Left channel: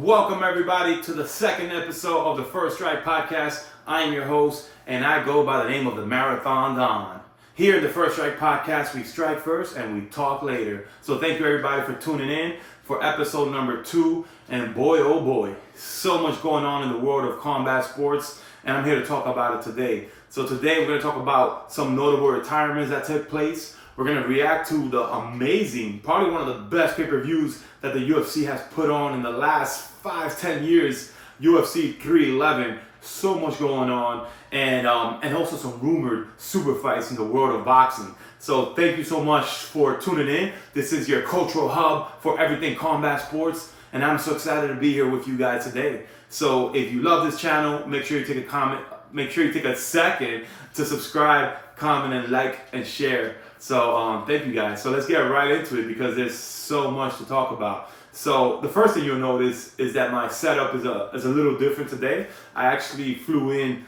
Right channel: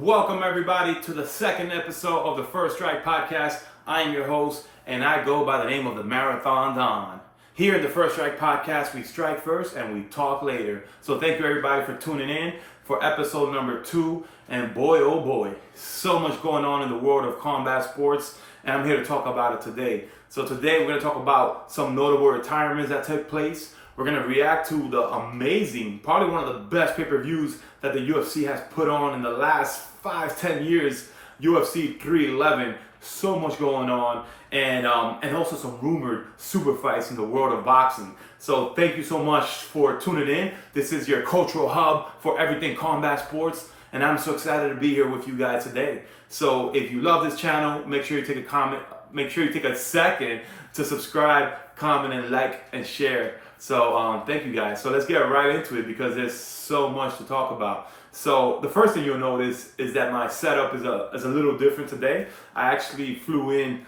Welcome everybody to the second episode of the First Strike Podcast. I am your host and I go by the name of the Marathon Don. Here in the First Strike Podcast, we strike first and we talk later. So thank you everybody for tuning in for episode number 2. And boy, oh boy, so much going on in the world of combat sports, and I'm here to talk about it today. So today we're going to talk about some notable retirements that took place. We're going to react to the amazing, probably one of the best pay-per-views that the UFC has put on in the last 5-10 years, UFC 311. So much going on, and also some rumored super fights in the world of boxing. So thank you so much for tuning in. This is your cultural hub for everything combat sports, and I'm so excited to be here with you guys today. So if you love this channel, make sure you take a comment. Make sure you take a second to subscribe, comment, and like and share. So thank you guys. So let's get right into it because there's so much to talk about. So the first thing you'll notice is that my setup is a little different today. I actually flew in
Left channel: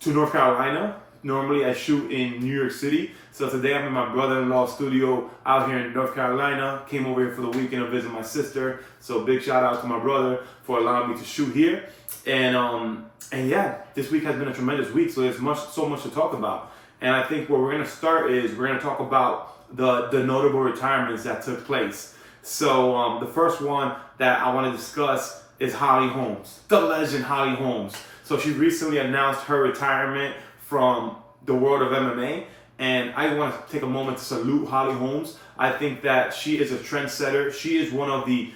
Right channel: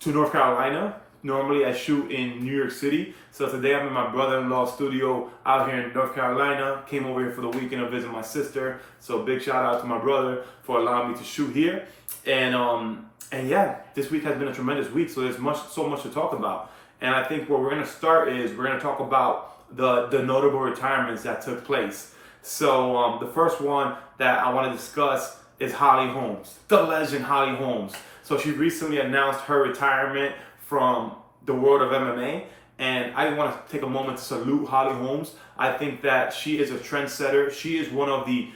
to North Carolina. Normally I shoot in New York City. So today I'm in my brother-in-law's studio out here in North Carolina. Came over here for the weekend to visit my sister. So big shout out to my brother for allowing me to shoot here. And yeah, this week has been a tremendous week. So there's so much to talk about. And I think where we're going to start is we're going to talk about the notable retirements that took place. So the first one that I want to discuss is Holly Holmes, the legend Holly Holmes. So she recently announced her retirement from the world of MMA. And I want to take a moment to salute Holly Holmes. I think that she is a trendsetter. She is one of the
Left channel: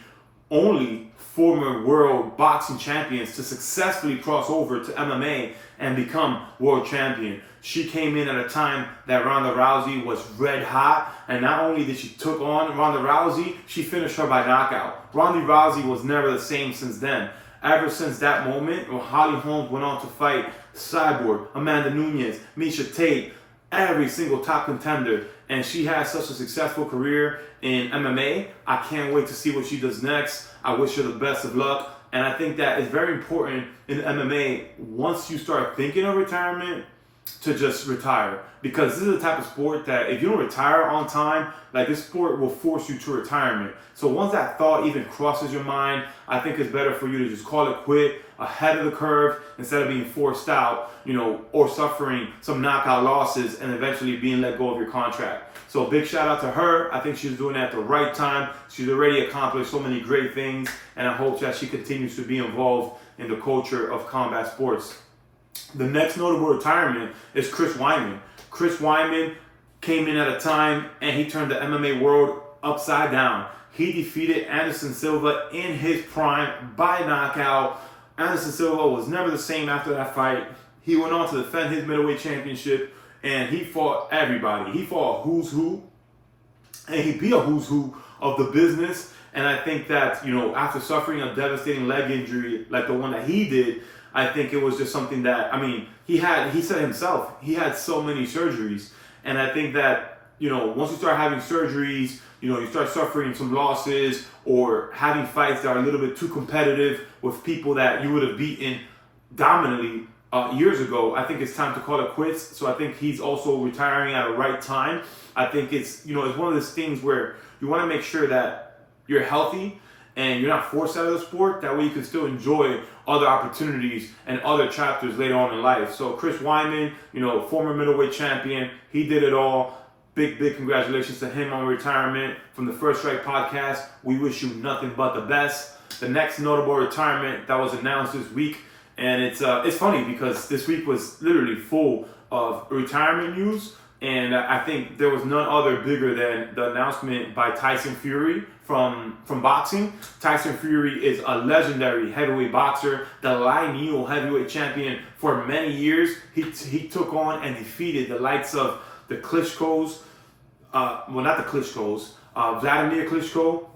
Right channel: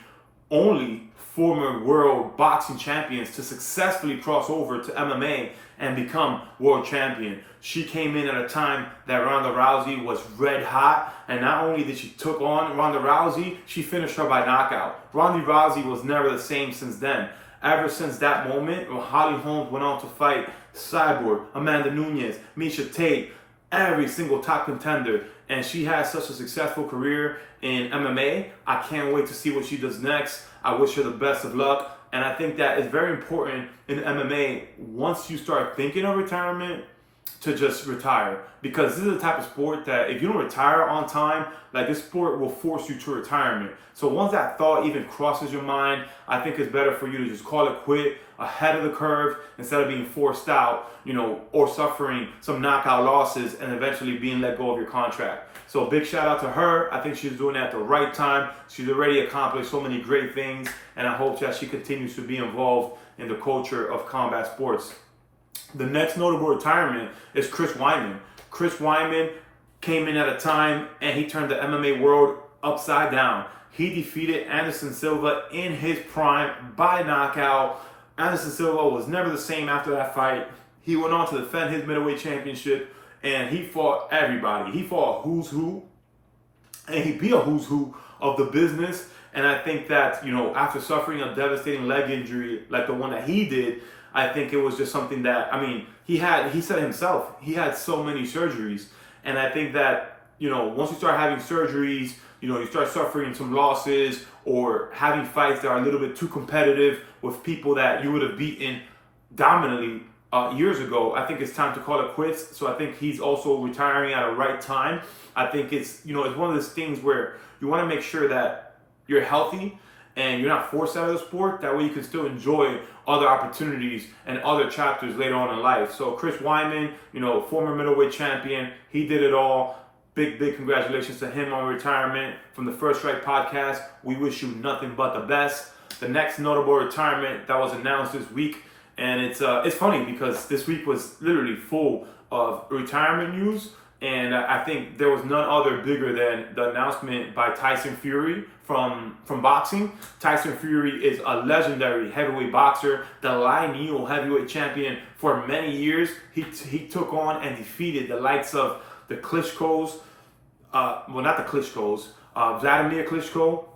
only former world boxing champions to successfully cross over to MMA and become world champion. She came in at a time that Ronda Rousey was red hot, and not only did she took on Ronda Rousey, she finished her by knockout. Ronda Rousey was never the same since then. Ever since that moment, Holly Holmes went on to fight Cyborg, Amanda Nunes, Miesha Tate, every single top contender, and she has such a successful career in MMA. I can't wait to see what she does next. I wish her the best of luck, and I think that it's very important in MMA, once you start thinking of retirement, to just retire, because this is the type of sport that if you don't retire on time, like this sport will force you to retirement. So once that thought even crosses your mind, I think it's better for you to just call it quit ahead of the curve instead of being forced out, or suffering some knockout losses and eventually being let go of your contract. So big shout out to her. I think she's doing it at the right time. She's already accomplished so many great things, and I hope that she continues to be involved in the culture of combat sports. The next notable retirement is Chris Weidman. Chris Weidman came in at a time and he turned the MMA world upside down. He defeated Anderson Silva in his prime by knockout. Anderson Silva was never the same after that fight. He went on to defend his middleweight championship, and he fought everybody. He fought a who's who, and he beat a who's who of the business. And I think that, after suffering a devastating leg injury like the one that he did, I think it was just something that, he said himself, he had so many surgeries. And I think that, once you start having surgeries, you start suffering some losses or having fights that are a little bit too competitive with people that you would have beaten dominantly years ago, I think it's time to call it quits. So I think he's also retiring at a right time. I think it's one of those things where you want to make sure that you're healthy and you're not forced out of the sport. That way you can still enjoy other opportunities and other chapters later on in life. So Chris Weidman, former middleweight champion, he did it all. Big congratulations to him on retirement. From the First Strike Podcast, we wish you nothing but the best. The next notable retirement that was announced this week, and it's funny because this week was literally full of retirement news, and I think there was none other bigger than the announcement by Tyson Fury from boxing. Tyson Fury is a legendary heavyweight boxer, the lineal heavyweight champion for many years. He took on and defeated the likes of the Klitschko's, not the Klitschko's, Vladimir Klitschko,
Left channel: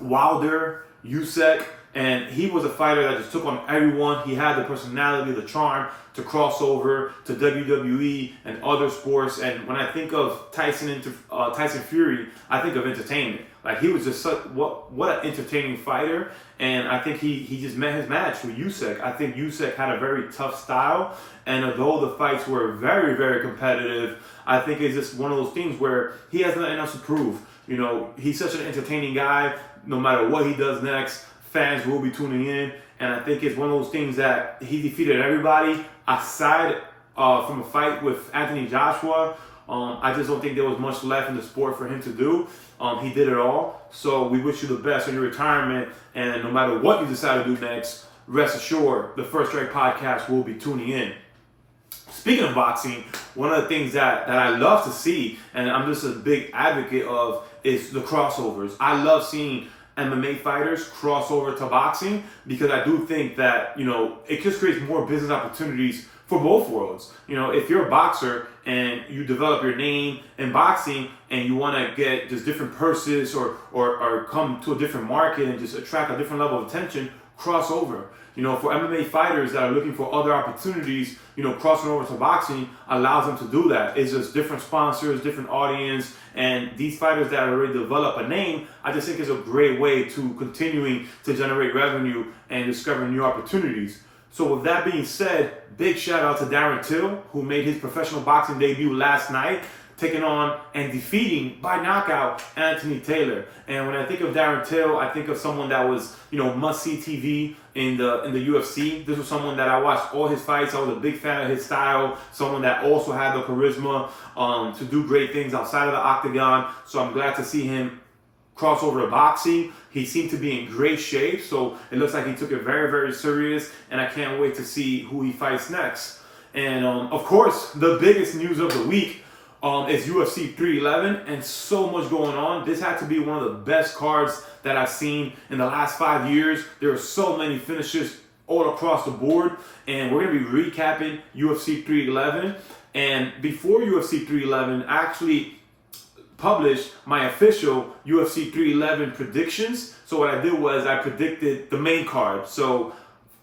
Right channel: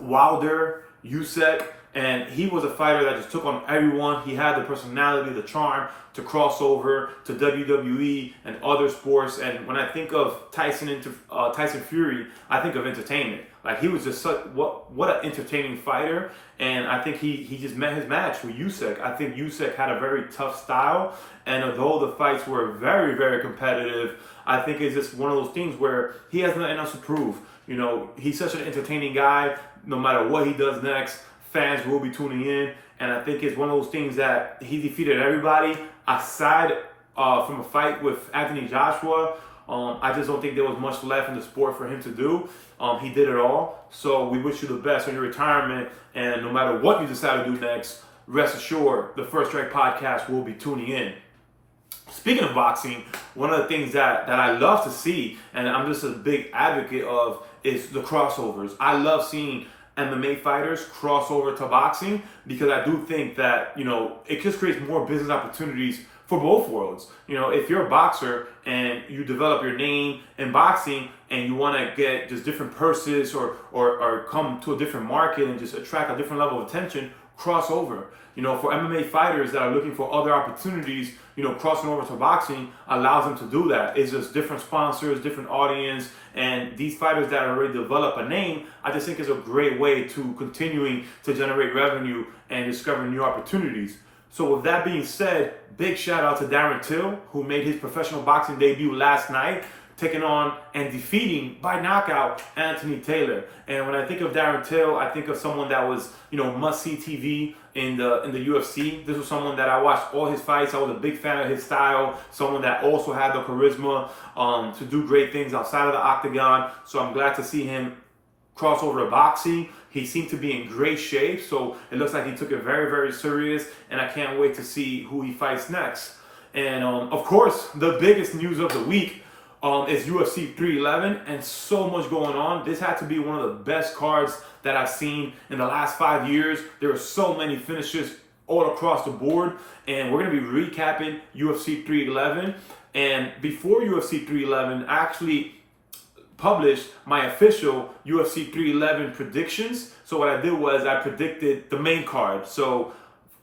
Wilder, Usyk, and he was a fighter that just took on everyone. He had the personality, the charm to cross over to WWE and other sports. And when I think of Tyson Fury, I think of entertainment. Like, he was just what an entertaining fighter. And I think he just met his match with Usyk. I think Usyk had a very tough style, and although the fights were very, very competitive, I think it's just one of those things where he has nothing else to prove. He's such an entertaining guy. No matter what he does next, fans will be tuning in. And I think it's one of those things that he defeated everybody aside from a fight with Anthony Joshua. I just don't think there was much left in the sport for him to do. He did it all. So we wish you the best on your retirement. And no matter what you decide to do next, rest assured, the First Strike Podcast will be tuning in. Speaking of boxing, one of the things that I love to see, and I'm just a big advocate of, is the crossovers. I love seeing MMA fighters cross over to boxing because I do think that, it just creates more business opportunities for both worlds. If you're a boxer and you develop your name in boxing and you want to get just different purses or come to a different market and just attract a different level of attention, cross over. For MMA fighters that are looking for other opportunities, crossing over to boxing allows them to do that. It's just different sponsors, different audience, and these fighters that already develop a name, I just think is a great way to continuing to generate revenue and discover new opportunities. So with that being said, big shout out to Darren Till, who made his professional boxing debut last night, taking on and defeating by knockout Anthony Taylor. And when I think of Darren Till, I think of someone that was, must-see TV in the UFC. This was someone that I watched all his fights. I was a big fan of his style, someone that also had the charisma to do great things outside of the octagon. So I'm glad to see him cross over to boxing. He seemed to be in great shape, so it looks like he took it very, very serious, and I can't wait to see who he fights next. And of course, the biggest news of the week is UFC 311, and so much going on. This had to be one of the best cards that I've seen in the last 5 years. There are so many finishes all across the board, and we're going to be recapping UFC 311. And before UFC 311, I actually published my official UFC 311 predictions. So what I did was I predicted the main card. So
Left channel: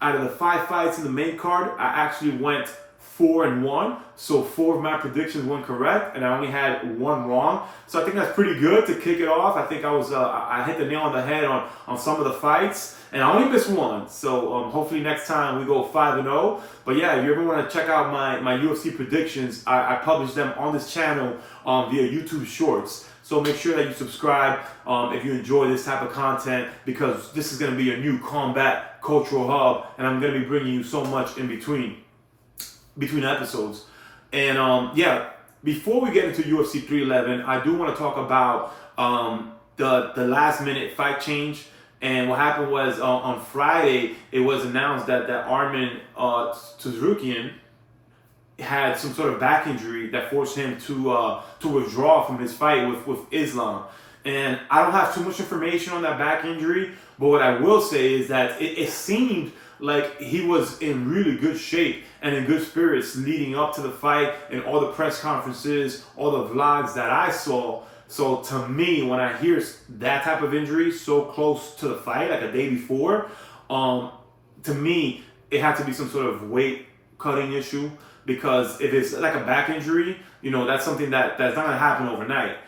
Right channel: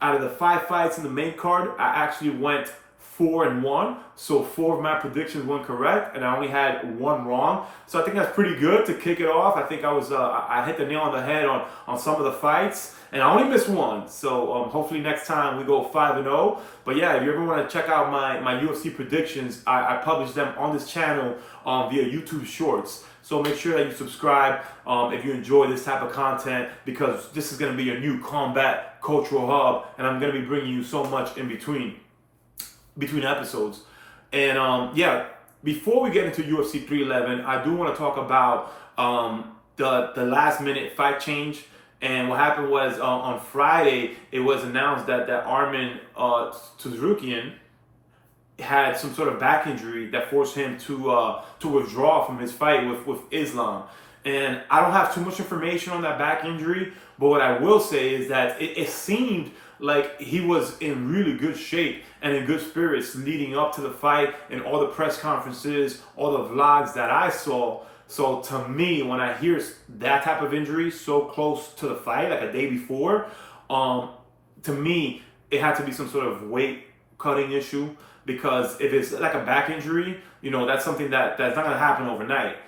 out of the 5 fights in the main card, I actually went 4-1. So 4 of my predictions went correct, and I only had 1 wrong. So I think that's pretty good to kick it off. I think I hit the nail on the head on some of the fights, and I only missed 1. So hopefully next time we go 5-0. But yeah, if you ever want to check out my UFC predictions, I publish them on this channel via YouTube Shorts. So make sure that you subscribe if you enjoy this type of content, because this is going to be a new combat cultural hub, and I'm going to be bringing you so much in between episodes. And before we get into UFC 311, I do want to talk about the last minute fight change. And what happened was on Friday, it was announced that Arman Tsarukyan had some sort of back injury that forced him to withdraw from his fight with Islam. And I don't have too much information on that back injury, but what I will say is that it seemed like he was in really good shape and in good spirits leading up to the fight, and all the press conferences, all the vlogs that I saw. So to me, when I hear that type of injury so close to the fight, like a day before, to me, it had to be some sort of weight cutting issue, because if it's like a back injury, that's something that's not going to happen overnight,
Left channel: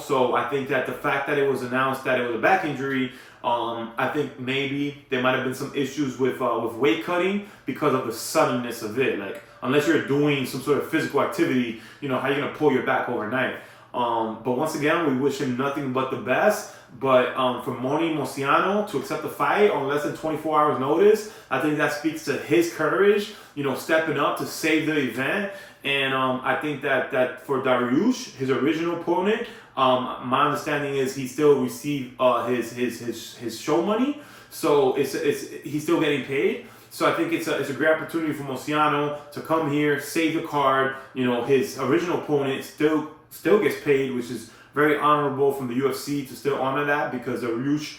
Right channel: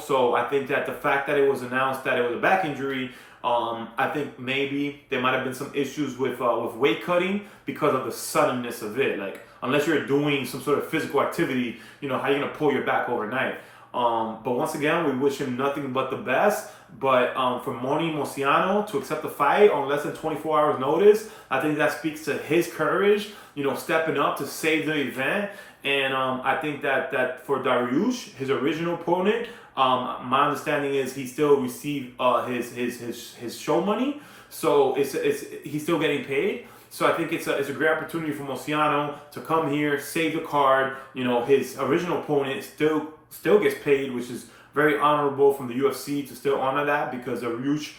So I think that the fact that it was announced that it was a back injury, I think maybe there might have been some issues with weight cutting because of the suddenness of it. Like, unless you're doing some sort of physical activity, how are you going to pull your back overnight? But once again, we wish him nothing but the best. But for Moni Mosiano to accept the fight on less than 24 hours notice, I think that speaks to his courage, stepping up to save the event. And I think that for Dariush, his original opponent, my understanding is he still received his show money, so he's still getting paid. So I think it's a great opportunity for Mosiano to come here, save the card. His original opponent still gets paid, which is very honorable from the UFC to still honor that, because Dariush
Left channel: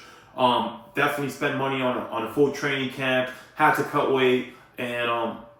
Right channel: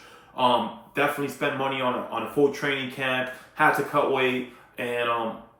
definitely spent money on a full training camp, had to cut weight, and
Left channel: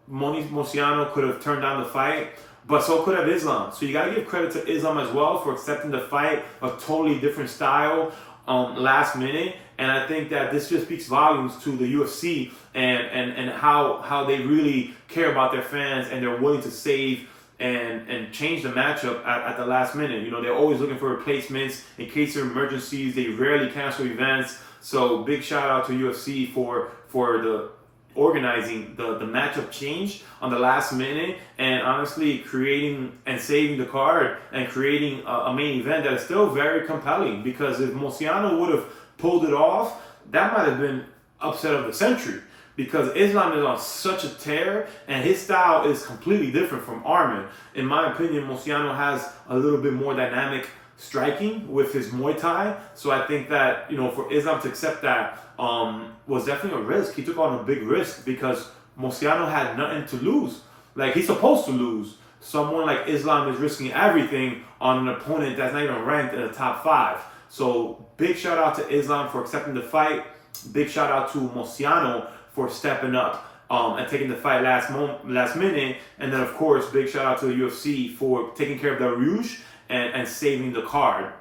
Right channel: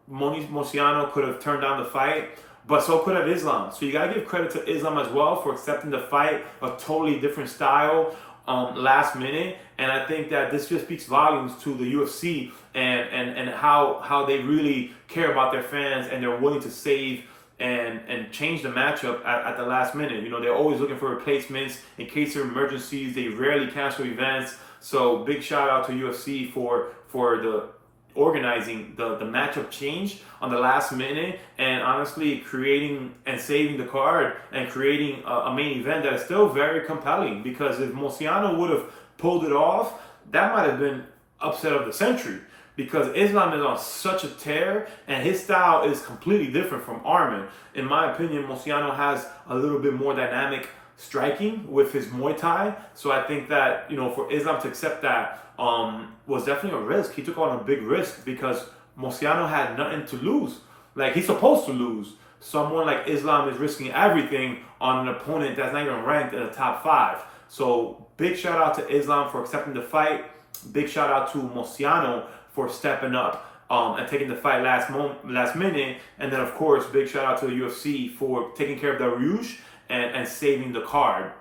Mosiano could have turned down the fight, but so could have Islam. So you got to give credit to Islam as well for accepting the fight, a totally different style, last minute. And I think that this just speaks volumes to the UFC and how they really care about their fans, and they're willing to save and change the matchup at the last minute. They're always looking for replacements in case of emergencies. They rarely cancel events. So big shout out to UFC for the organizing the matchup change on the last minute, and honestly creating and saving the card and creating a main event that is still very compelling. Because if Mosiano would have pulled it off, that might have been upset of the century because Islam is on such a tear and his style is completely different from Armin. In my opinion, Mociano has a little bit more dynamic striking with his Muay Thai. So I think that, for Islam to accept that was definitely a risk. He took on a big risk because Mociano had nothing to lose. Like, he's supposed to lose. Someone like Islam is risking everything on an opponent that's not even ranked in the top five. So big shout out to Islam for accepting the fight. Big shout out to Mociano for stepping up and taking the fight last minute. And then, of course, big shout out to the UFC for taking care of the Rouge and saving the card.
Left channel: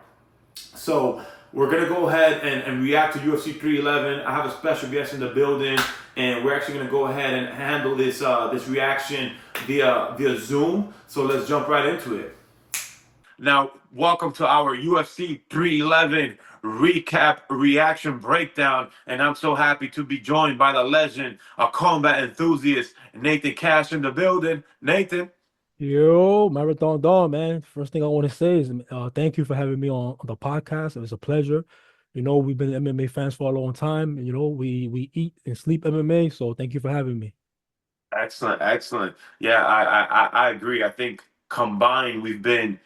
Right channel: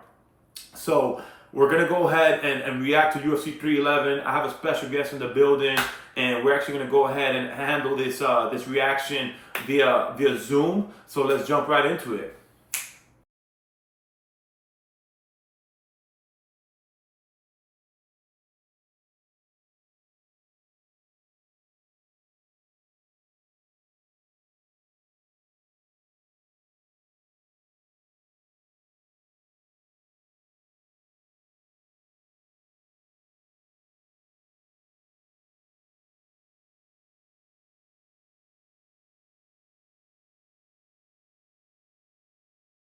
So we're gonna go ahead and react to UFC 311. I have a special guest in the building, and we're actually gonna go ahead and handle this reaction via Zoom. So let's jump right into it. Now, welcome to our UFC 311 recap reaction breakdown, and I'm so happy to be joined by the legend, a combat enthusiast, Nathan Cash in the building. Nathan. Yo, Marathon Dawn, man. First thing I want to say is thank you for having me on the podcast. It was a pleasure. We've been MMA fans for a long time. We eat and sleep MMA, so thank you for having me. Excellent, excellent. Yeah, I agree. I think combined, we've been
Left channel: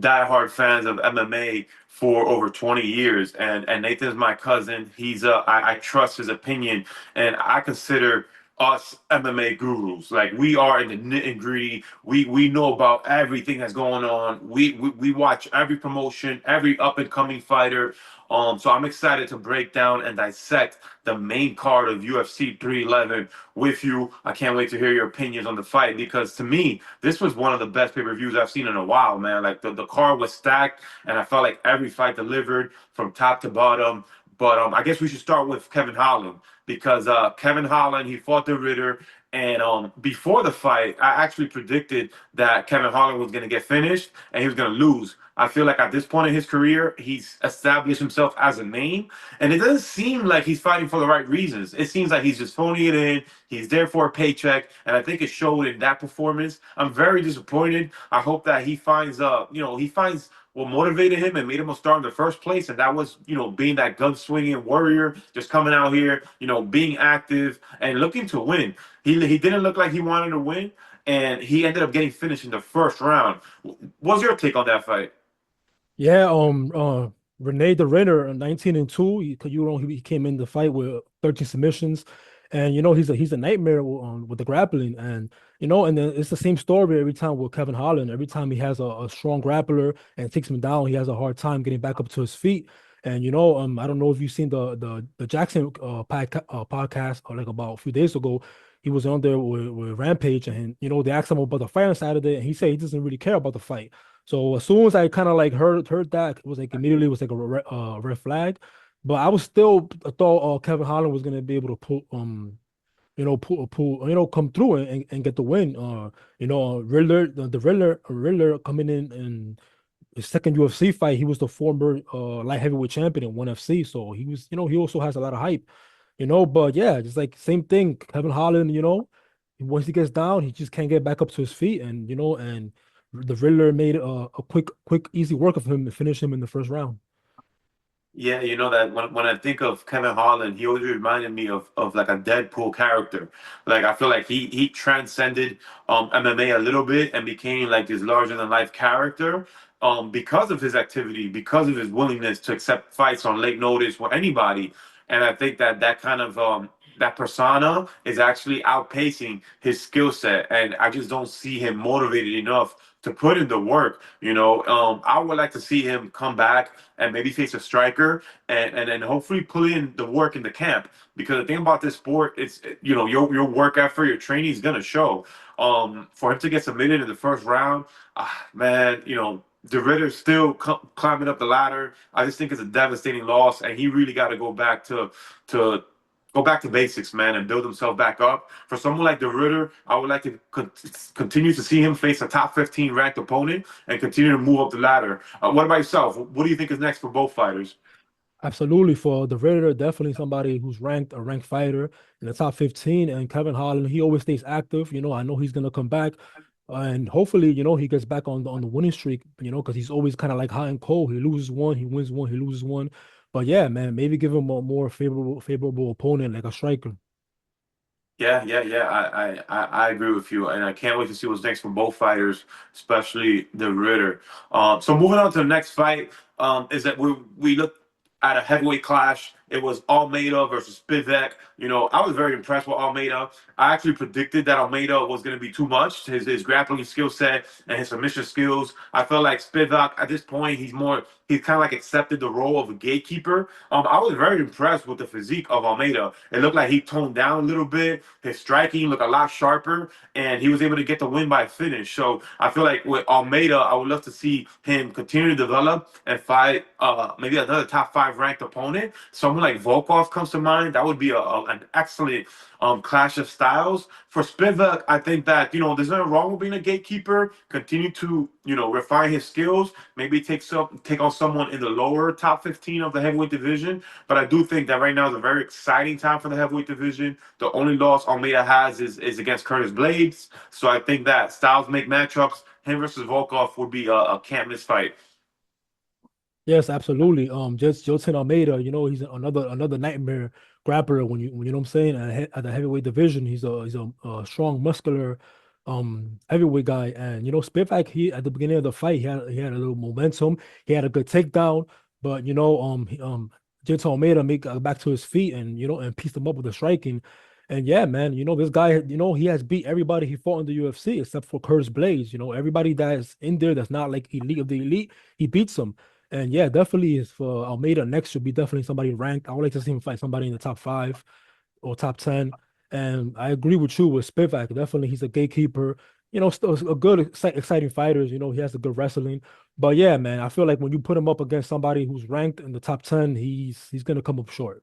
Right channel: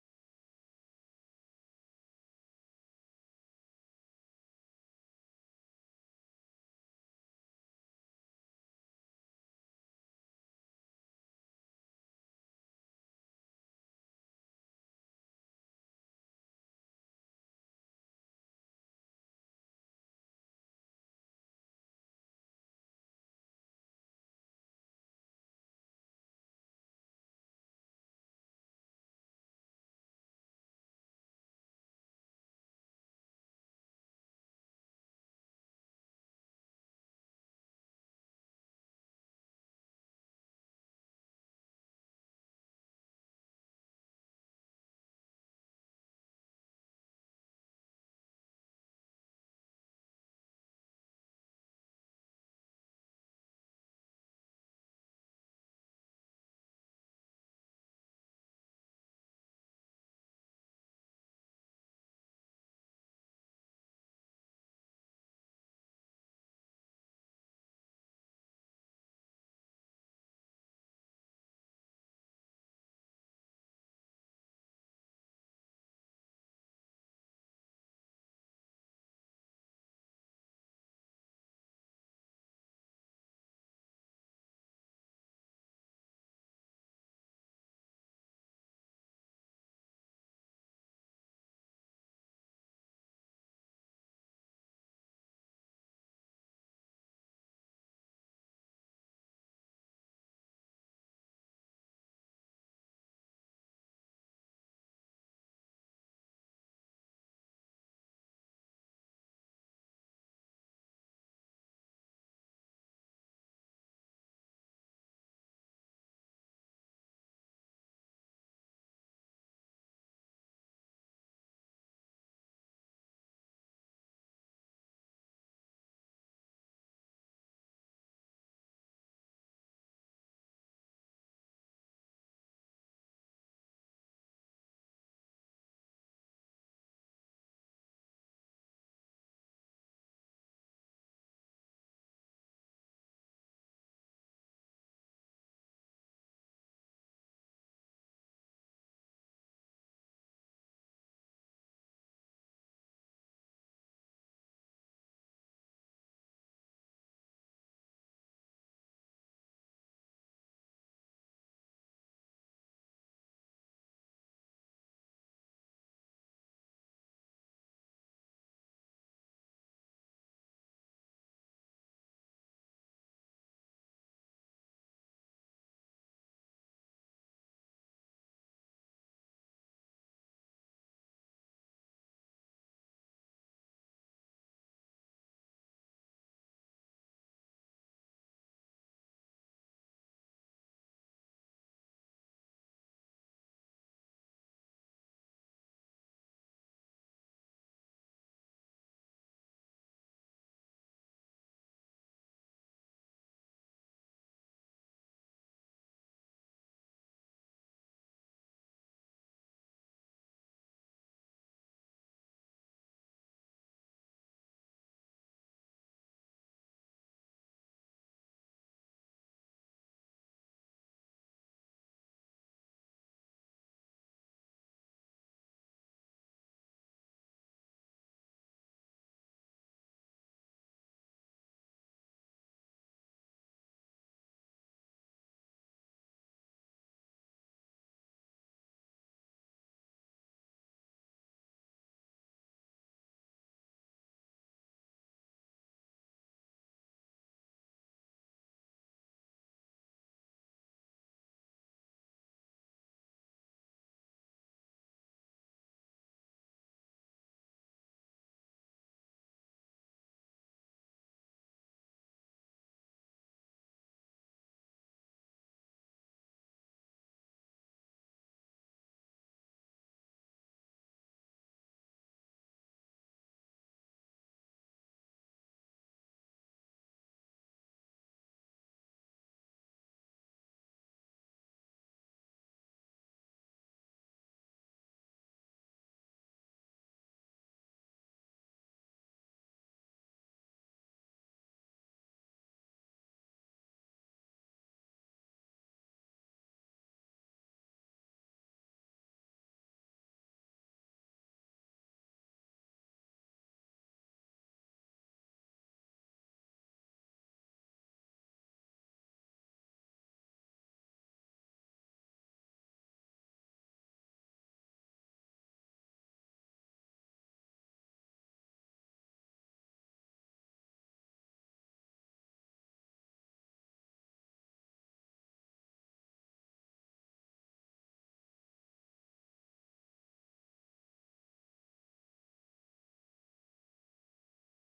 diehard fans of MMA for over 20 years, and Nathan's my cousin. I trust his opinion, and I consider us MMA gurus. Like, we are in the nitty and gritty. We know about everything that's going on. We watch every promotion, every up and coming fighter. So I'm excited to break down and dissect the main card of UFC 311 with you. I can't wait to hear your opinions on the fight because, to me, this was one of the best pay-per-views I've seen in a while, man. Like, the card was stacked, and I felt like every fight delivered from top to bottom. But I guess we should start with Kevin Holland because Kevin Holland, he fought the Ritter. And before the fight, I actually predicted that Kevin Holland was going to get finished and he was going to lose. I feel like at this point in his career, he's established himself as a name. And it doesn't seem like he's fighting for the right reasons. It seems like he's just phoning it in. He's there for a paycheck. And I think it showed in that performance. I'm very disappointed. I hope that he finds what motivated him and made him a star in the first place. And that was, being that gun-swinging warrior, just coming out here, being active and looking to win. He didn't look like he wanted to win, and he ended up getting finished in the first round. What's your take on that fight? Yeah, Renee the Renner, 19-2. He came in the fight with 13 submissions, and he's a nightmare with the grappling, and then it's the same story every time with Kevin Holland. Every time he has a strong grappler and takes him down, he has a hard time getting back up to his feet. And I don't know if you've seen the Jackson podcast like about a few days ago. He was on there with Rampage, and they asked him about the fight on Saturday, and he said he doesn't really care about the fight. So as soon as I kind of like heard that, it was like immediately it was like a red flag. But I thought Kevin Holland was gonna be able to come through and get the win. Riddler, the Riddler coming in and his second UFC fight, he was the former light heavyweight champion in ONE FC, so he was, he also has a lot of hype, But yeah, just like same thing, Kevin Holland, once he gets down, he just can't get back up to his feet, and the Riddler made a quick, easy work of him to finish him in the first round. Yeah, you know that when I think of Kevin Holland, he always reminded me of like a Deadpool character. Like, I feel like he transcended MMA a little bit and became like this larger than life character because of his activity, because of his willingness to accept fights on late notice for anybody. And I think that kind of that persona is actually outpacing his skill set, and I just don't see him motivated enough to put in the work. I would like to see him come back and maybe face a striker and then hopefully put in the work in the camp. Because the thing about this sport, it's your work effort, your training is gonna show. For him to get submitted in the first round, man, the Ritter's still climbing up the ladder. I just think it's a devastating loss, and he really got to to go back to basics, man, and build himself back up. For someone like the Ritter, I would like to continue to see him face a top 15 ranked opponent and continue to move up the ladder. What about yourself? What do you think is next for both fighters? Absolutely, for the Riddler, definitely somebody who's ranked a ranked fighter in the top 15. And Kevin Holland, he always stays active. I know he's gonna come back, and hopefully, he gets back on the winning streak. Because he's always kind of like hot and cold. He loses one, he wins one, he loses one. But yeah, man, maybe give him a more favorable opponent like a striker. Yeah. I agree with you, and I can't wait to see what's next for both fighters, especially the Ritter. So moving on to the next fight, is that we look at a heavyweight clash. It was Almeida versus Spivak. You know, I was very impressed with Almeida. I actually predicted that Almeida was going to be too much. His grappling skill set and his submission skills. I felt like Spivak at this point he's kind of like accepted the role of a gatekeeper. I was very impressed with the physique of Almeida. It looked like he toned down a little bit. His striking looked a lot sharper, and he was able to get the win by finish. So I feel like with Almeida, I would love to see him continue to develop and fight maybe another top 5 ranked opponent. Someone like Volkov comes to mind. That would be an excellent clash of styles. For Spivak, I think that, there's nothing wrong with being a gatekeeper. Continue to, refine his skills. Maybe take on someone in the lower top 15 of the heavyweight division. But I do think that right now is a very exciting time for the heavyweight division. The only loss Almeida has is against Curtis Blades. So I think that styles make matchups. Him versus Volkov would be a can't miss fight. Yes, absolutely. Just Jolton Almeida, he's another nightmare grappler when you know what I'm saying at the heavyweight division. He's a strong, muscular, heavyweight guy, and Spivak. He at the beginning of the fight, he had a little momentum. He had a good takedown, but Jolton Almeida got back to his feet and and pieced him up with the striking. And yeah, man, this guy, he has beat everybody he fought in the UFC except for Curtis Blades. Everybody that is in there that's not like elite of the elite, he beats them. And yeah, definitely is for Almeida next should be definitely somebody ranked. I would like to see him fight somebody in the top 5 or top 10. And I agree with you with Spivak. Definitely, he's a gatekeeper. Still a good, exciting fighter. He has a good wrestling. But yeah, man, I feel like when you put him up against somebody who's ranked in the top 10, he's gonna come up short.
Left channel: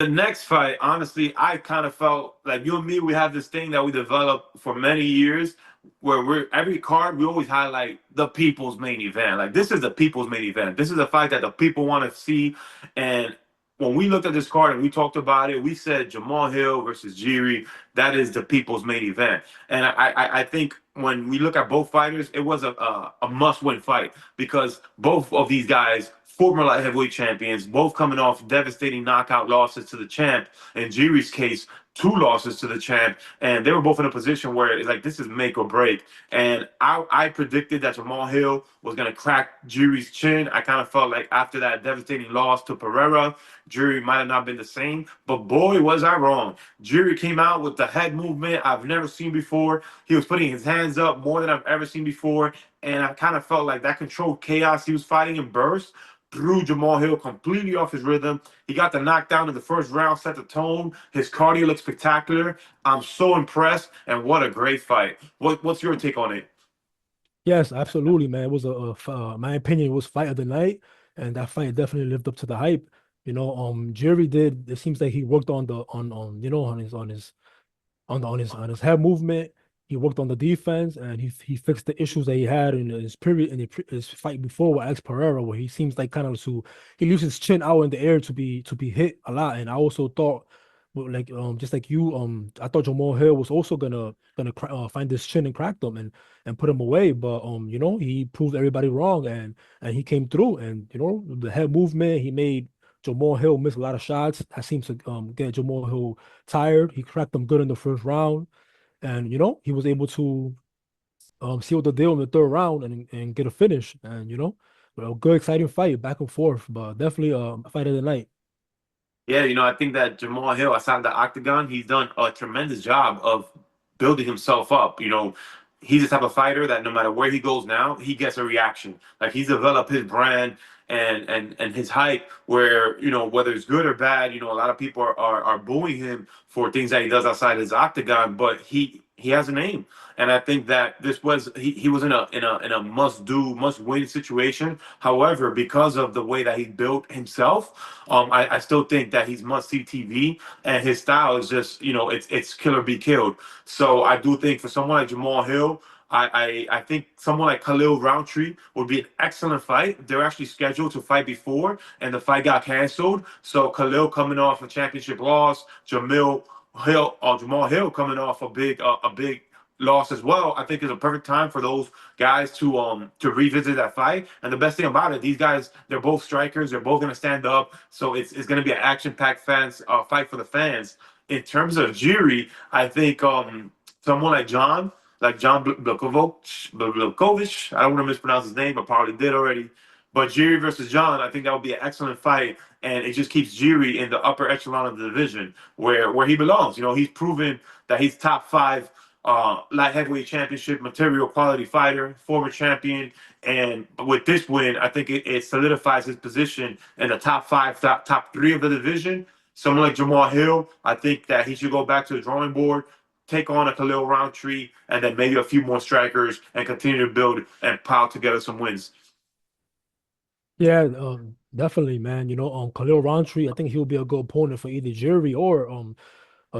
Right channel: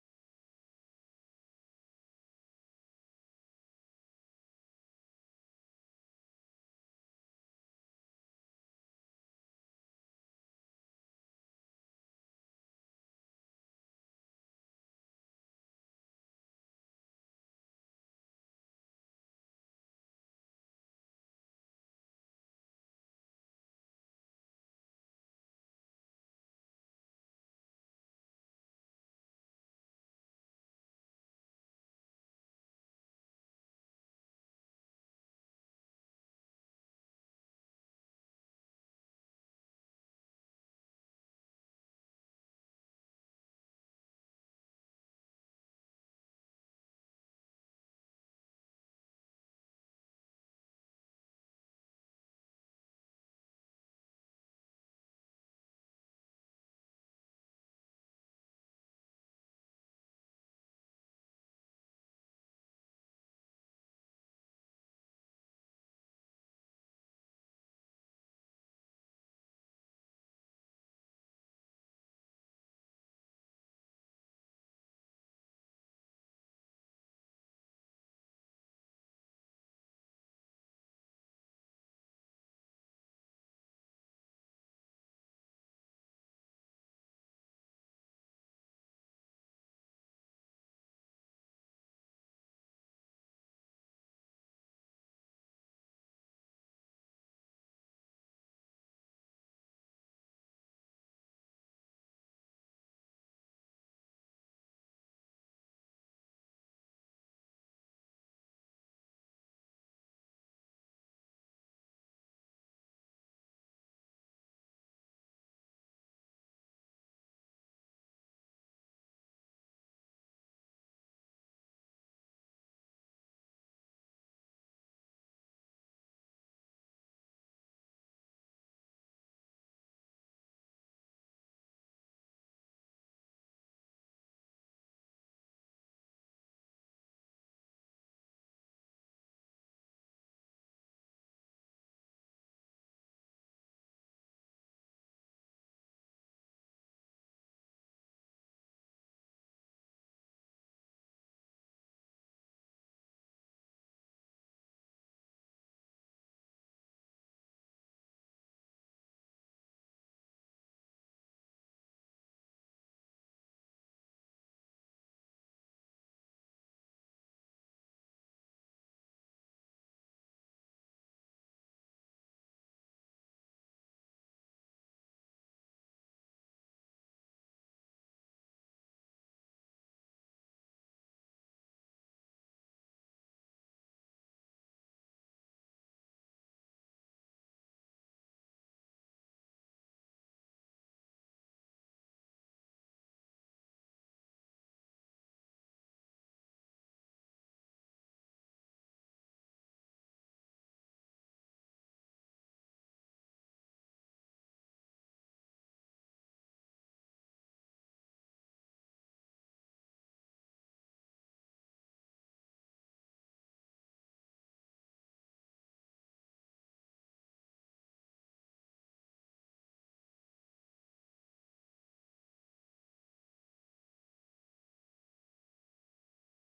The next fight, honestly, I kind of felt like you and me, we have this thing that we developed for many years where we're every card we always highlight the people's main event. Like this is the people's main event. This is a fight that the people want to see. And when we looked at this card and we talked about it, we said Jamal Hill versus Jiri, that is the people's main event. And I think when we look at both fighters, it was a must-win fight because both of these guys former light heavyweight champions, both coming off devastating knockout losses to the champ. In Jiri's case, 2 losses to the champ, and they were both in a position where it's like this is make or break. And I predicted that Jamal Hill was going to crack Jiri's chin. I kind of felt like after that devastating loss to Pereira, Jiri might have not been the same. But boy, was I wrong. Jiri came out with the head movement I've never seen before. He was putting his hands up more than I've ever seen before. And I kind of felt like that controlled chaos he was fighting in burst threw Jamal Hill completely off his rhythm. He got the knockdown in the first round, set the tone. His cardio looked spectacular. I'm so impressed, and what a great fight. What's your take on it? Yes, absolutely, man. It was my opinion, it was fight of the night, and that fight definitely lived up to the hype. Jerry did. It seems like he worked on the on on his head movement. He worked on the defense, and he fixed the issues that he had in his period in his fight before with Alex Pereira, where he seems like kind of to he leaves his chin out in the air to be hit a lot. And I also thought, well, like just like you, I thought Jamal Hill was also gonna find this chin and crack them and put him away, but he proved everybody wrong, and he came through, and the head movement he made. Jamal Hill missed a lot of shots. That seems to get Jamal Hill tired. He cracked them good in the first round, and he was able to seal the deal in the third round and get a finish. And a good exciting fight back and forth, but definitely a fight of the night. Yeah, I think that Jamal Hill outside the octagon, he's done a tremendous job of building himself up. He's the type of fighter that no matter where he goes now, he gets a reaction. Like he's developed his brand and his hype where, whether it's good or bad, a lot of people are booing him for things that he does outside his octagon, but he has a name. And I think that this was he was in a must do, must win situation. However, because of the way that he built himself, I still think that he's must see TV and his style is just, it's kill or be killed. So I do think for someone like Jamal Hill, I think someone like Khalil Roundtree would be an excellent fight. They're actually scheduled to fight before, and the fight got canceled. So Khalil coming off a championship loss, Jamal Hill coming off a big lost as well, I think is a perfect time for those guys to revisit that fight. And the best thing about it, these guys, they're both strikers. They're both going to stand up. So it's going to be an action-packed fight for the fans. In terms of Jiri, I think someone like John Blachowicz, I don't want to mispronounce his name, I probably did already. But Jiri versus John, I think that would be an excellent fight, and it just keeps Jiri in the upper echelon of the division where he belongs. You know, he's proven that he's top five light heavyweight championship material quality fighter, former champion, and with this win, I think it solidifies his position in the top five, top three of the division. Someone like Jamal Hill, I think that he should go back to the drawing board, take on a Khalil Roundtree, and then maybe a few more strikers, and continue to build and pile together some wins. Yeah, definitely, man. Khalil Roundtree, I think he'll be a good opponent for either Jerry or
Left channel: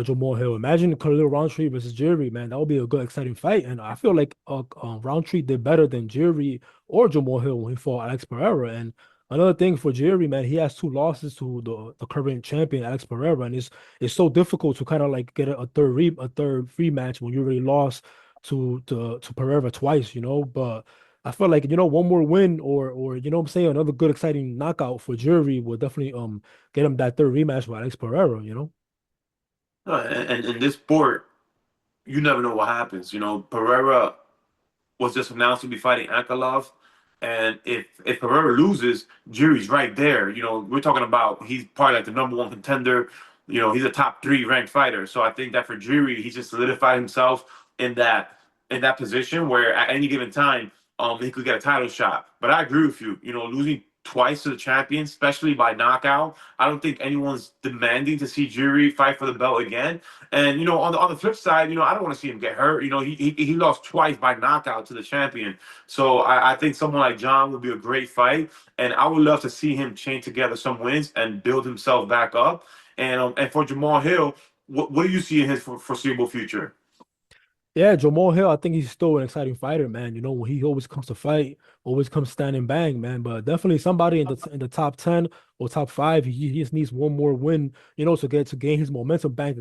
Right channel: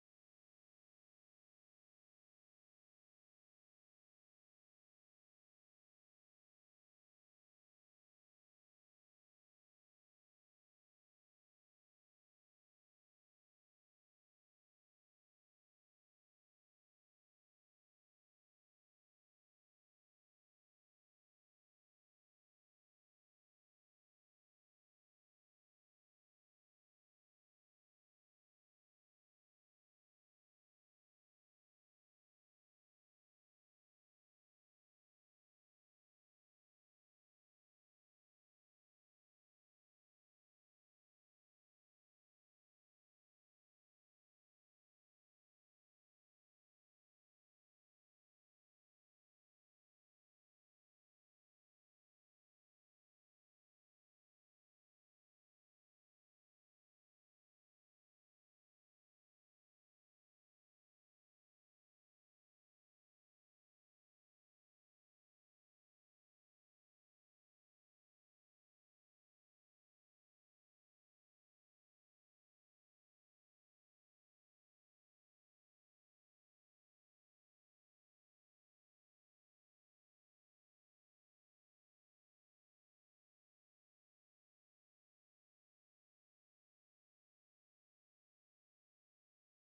Jamal Hill. Imagine Khalil Roundtree versus Jerry, man. That would be a good, exciting fight. And I feel like Roundtree did better than Jerry or Jamal Hill when he fought Alex Pereira. And another thing for Jerry, man, he has two losses to the current champion Alex Pereira, and it's so difficult to kind of like get a third rematch when you already lost to Pereira twice, But I feel like one more win or what I'm saying, another good exciting knockout for Jerry will definitely get him that third rematch with Alex Pereira. And in this sport, you never know what happens. You know, Pereira was just announced to be fighting Ankalaev. And if Pereira loses, Jiri's right there. You know, we're talking about he's probably like the number one contender. You know, he's a top three ranked fighter. So I think that for Jiri, he just solidified himself in that in that position where at any given time, he could get a title shot. But I agree with you. You know, losing twice to the champion, especially by knockout, I don't think anyone's demanding to see Jiri fight for the belt again. And on the flip side, I don't want to see him get hurt. You know, he lost twice by knockout to the champion. So I think someone like John would be a great fight, and I would love to see him chain together some wins and build himself back up. And for Jamal Hill, what do you see in his foreseeable future? Yeah, Jamal Hill, I think he's still an exciting fighter, man. When he always comes to fight, always comes standing bang, man. But definitely somebody in the top 10 or top five, he just needs one more win, to gain his momentum back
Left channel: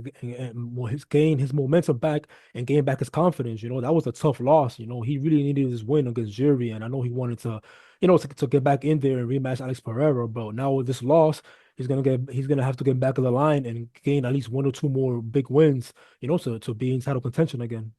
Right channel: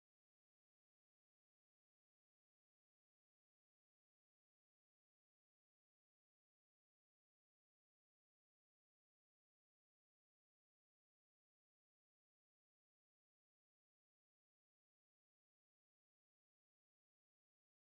gain his momentum back and gain back his confidence. That was a tough loss. He really needed this win against Jury, and I know he wanted to, to get back in there and rematch Alex Pereira. But now with this loss, he's gonna have to get back of the line and gain at least one or two more big wins, to be in title contention again.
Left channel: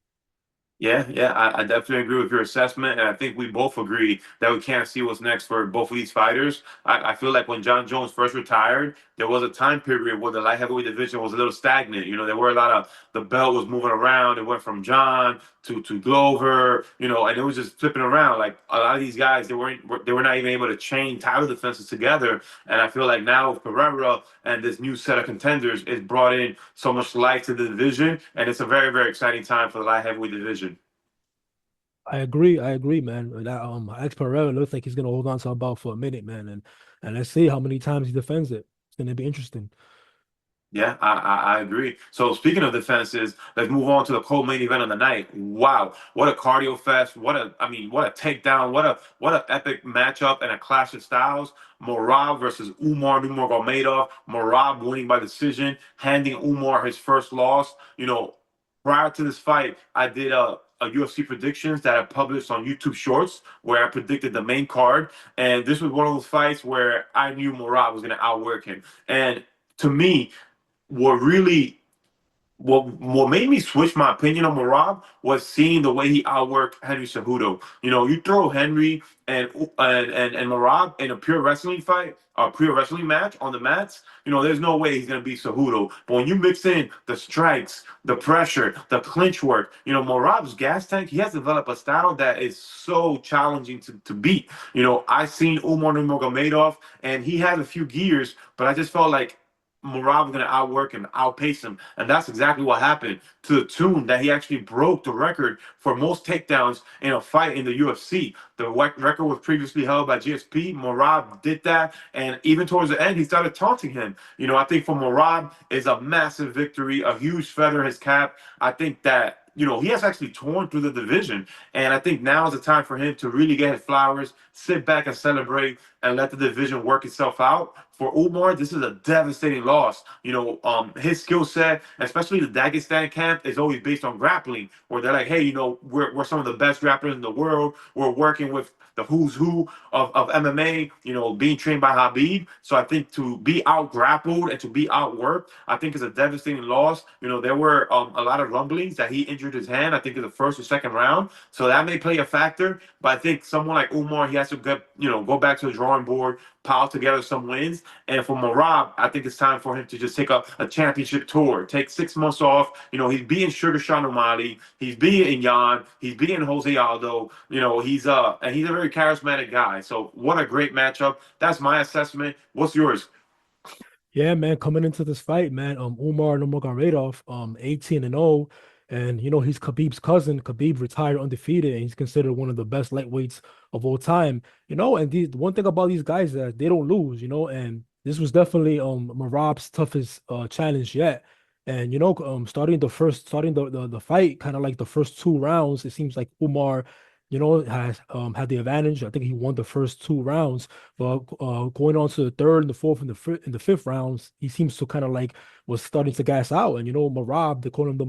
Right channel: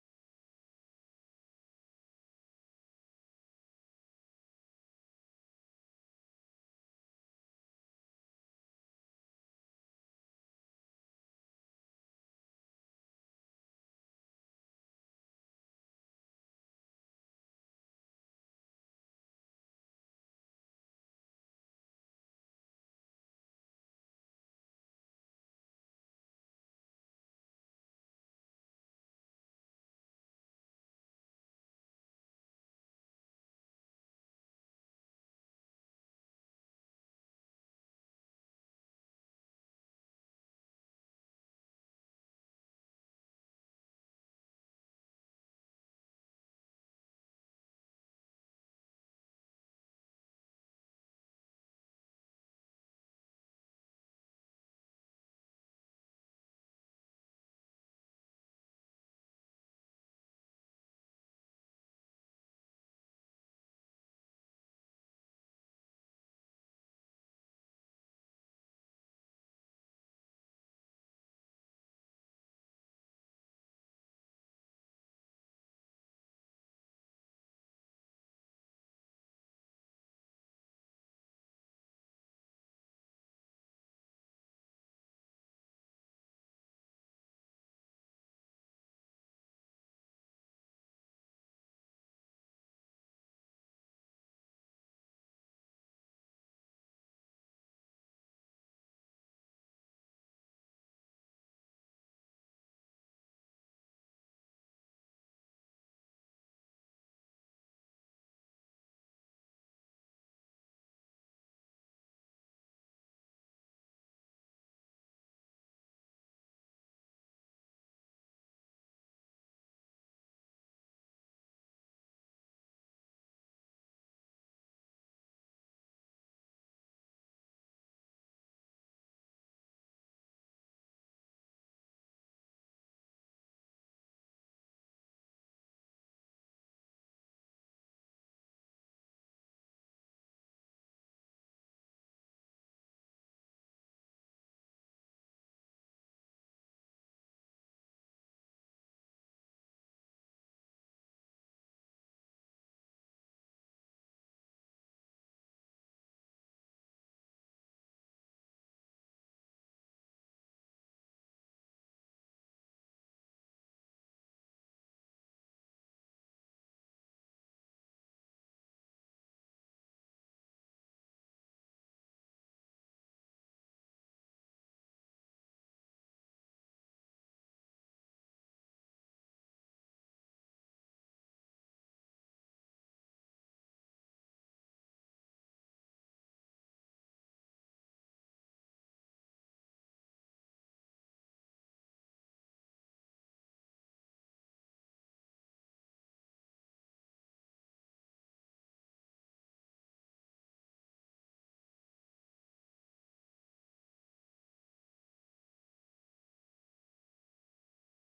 Yeah, I definitely agree with your assessment, and I think we both agree that we can't see what's next for both of these fighters. I feel like when John Jones first retired, there was a time period where the light heavyweight division was a little stagnant. You know, there were a lot of the belt was moving around. It went from John to Glover, and it was just flipping around. Like a lot of these guys, they were not even able to chain title defenses together. And I feel like now with Pereira and this new set of contenders, it's brought in so much life to the division, and it's a very, very exciting time for the light heavyweight division. I agree, man. That Alex Pereira looks like he's gonna hold on to a belt for a minute, man, and let's see how many times he defends it. It's gonna be interesting. Yeah, I agree. So speaking of defenses, let's move on to the co-main event of the night. Wow, what a cardio fest! What a takedown! What a epic matchup and a clash of styles. Morab versus Umar Nurmagomedov. Morab winning by decision, handing Umar his first loss. Prior to this fight, I did a UFC predictions that I published on YouTube Shorts where I predicted the main card, and this was one of those fights where I knew Morab was going to outwork him. And to me, what really what made me switch my opinion on Marab was seeing the way he outworked Henry Cejudo. You throw Henry and Marab in a pure wrestling fight, a pure wrestling match on the mats. There's no way he's gonna beat Cejudo. But when you mix in the strikes, the pressure, the clinch work, Marab's gas tank, he has developed a style that is so challenging to beat. I've seen Umar Nurmagomedov, and he has a few gears, but I just felt like Morab was going to outwork him, outpace him. And that's exactly what happened, to the tune that he actually broke the record for most takedowns in a fight in the UFC. The record was previously held by GSP. Morab did that. And even towards the end, he started taunting him. I think for Morab is a massive victory, a huge feather in his cap. I think that he has actually torn through the division. And I think now is the time for him to really get his flowers, sit back and celebrate, and let the division work itself out for Umar, this is a devastating loss. His skill set, especially the Dagestan camp, is always based on grappling, where they're like, hey, we're some of the best grapplers in the world. We're working with the who's who of MMA, being trained by Habib. So I think to be out grappled and to be outworked, I think is a devastating loss. There were a lot of rumblings that he injured his hand, I think in the first or second round. So that may play a factor. But I think someone like Umar, he has to go back to the drawing board, pile together some wins. And for Marab, I think it's time for him to just take a championship tour, take 6 months off. He's beating Sugar Sean O'Malley, he's beating Yan, he's beating Jose Aldo. He's a very charismatic guy. So what a great matchup. That's my assessment. What's yours? Yeah, man, coming into this fight, man, Umar Nurmagomedov, 18-0, and he's Khabib's cousin. Khabib retired undefeated, and he's considered one of the best lightweights of all time. And the one thing about these guys is that they don't lose, and this was definitely Marab's toughest challenge yet. And starting the fight, kind of like the first 2 rounds, it seems like Umar, has had the advantage. I think he won the first 2 rounds. But going on to the third and the fourth and the fifth rounds, he seems to kind of like was starting to gas out. And Marab, they call him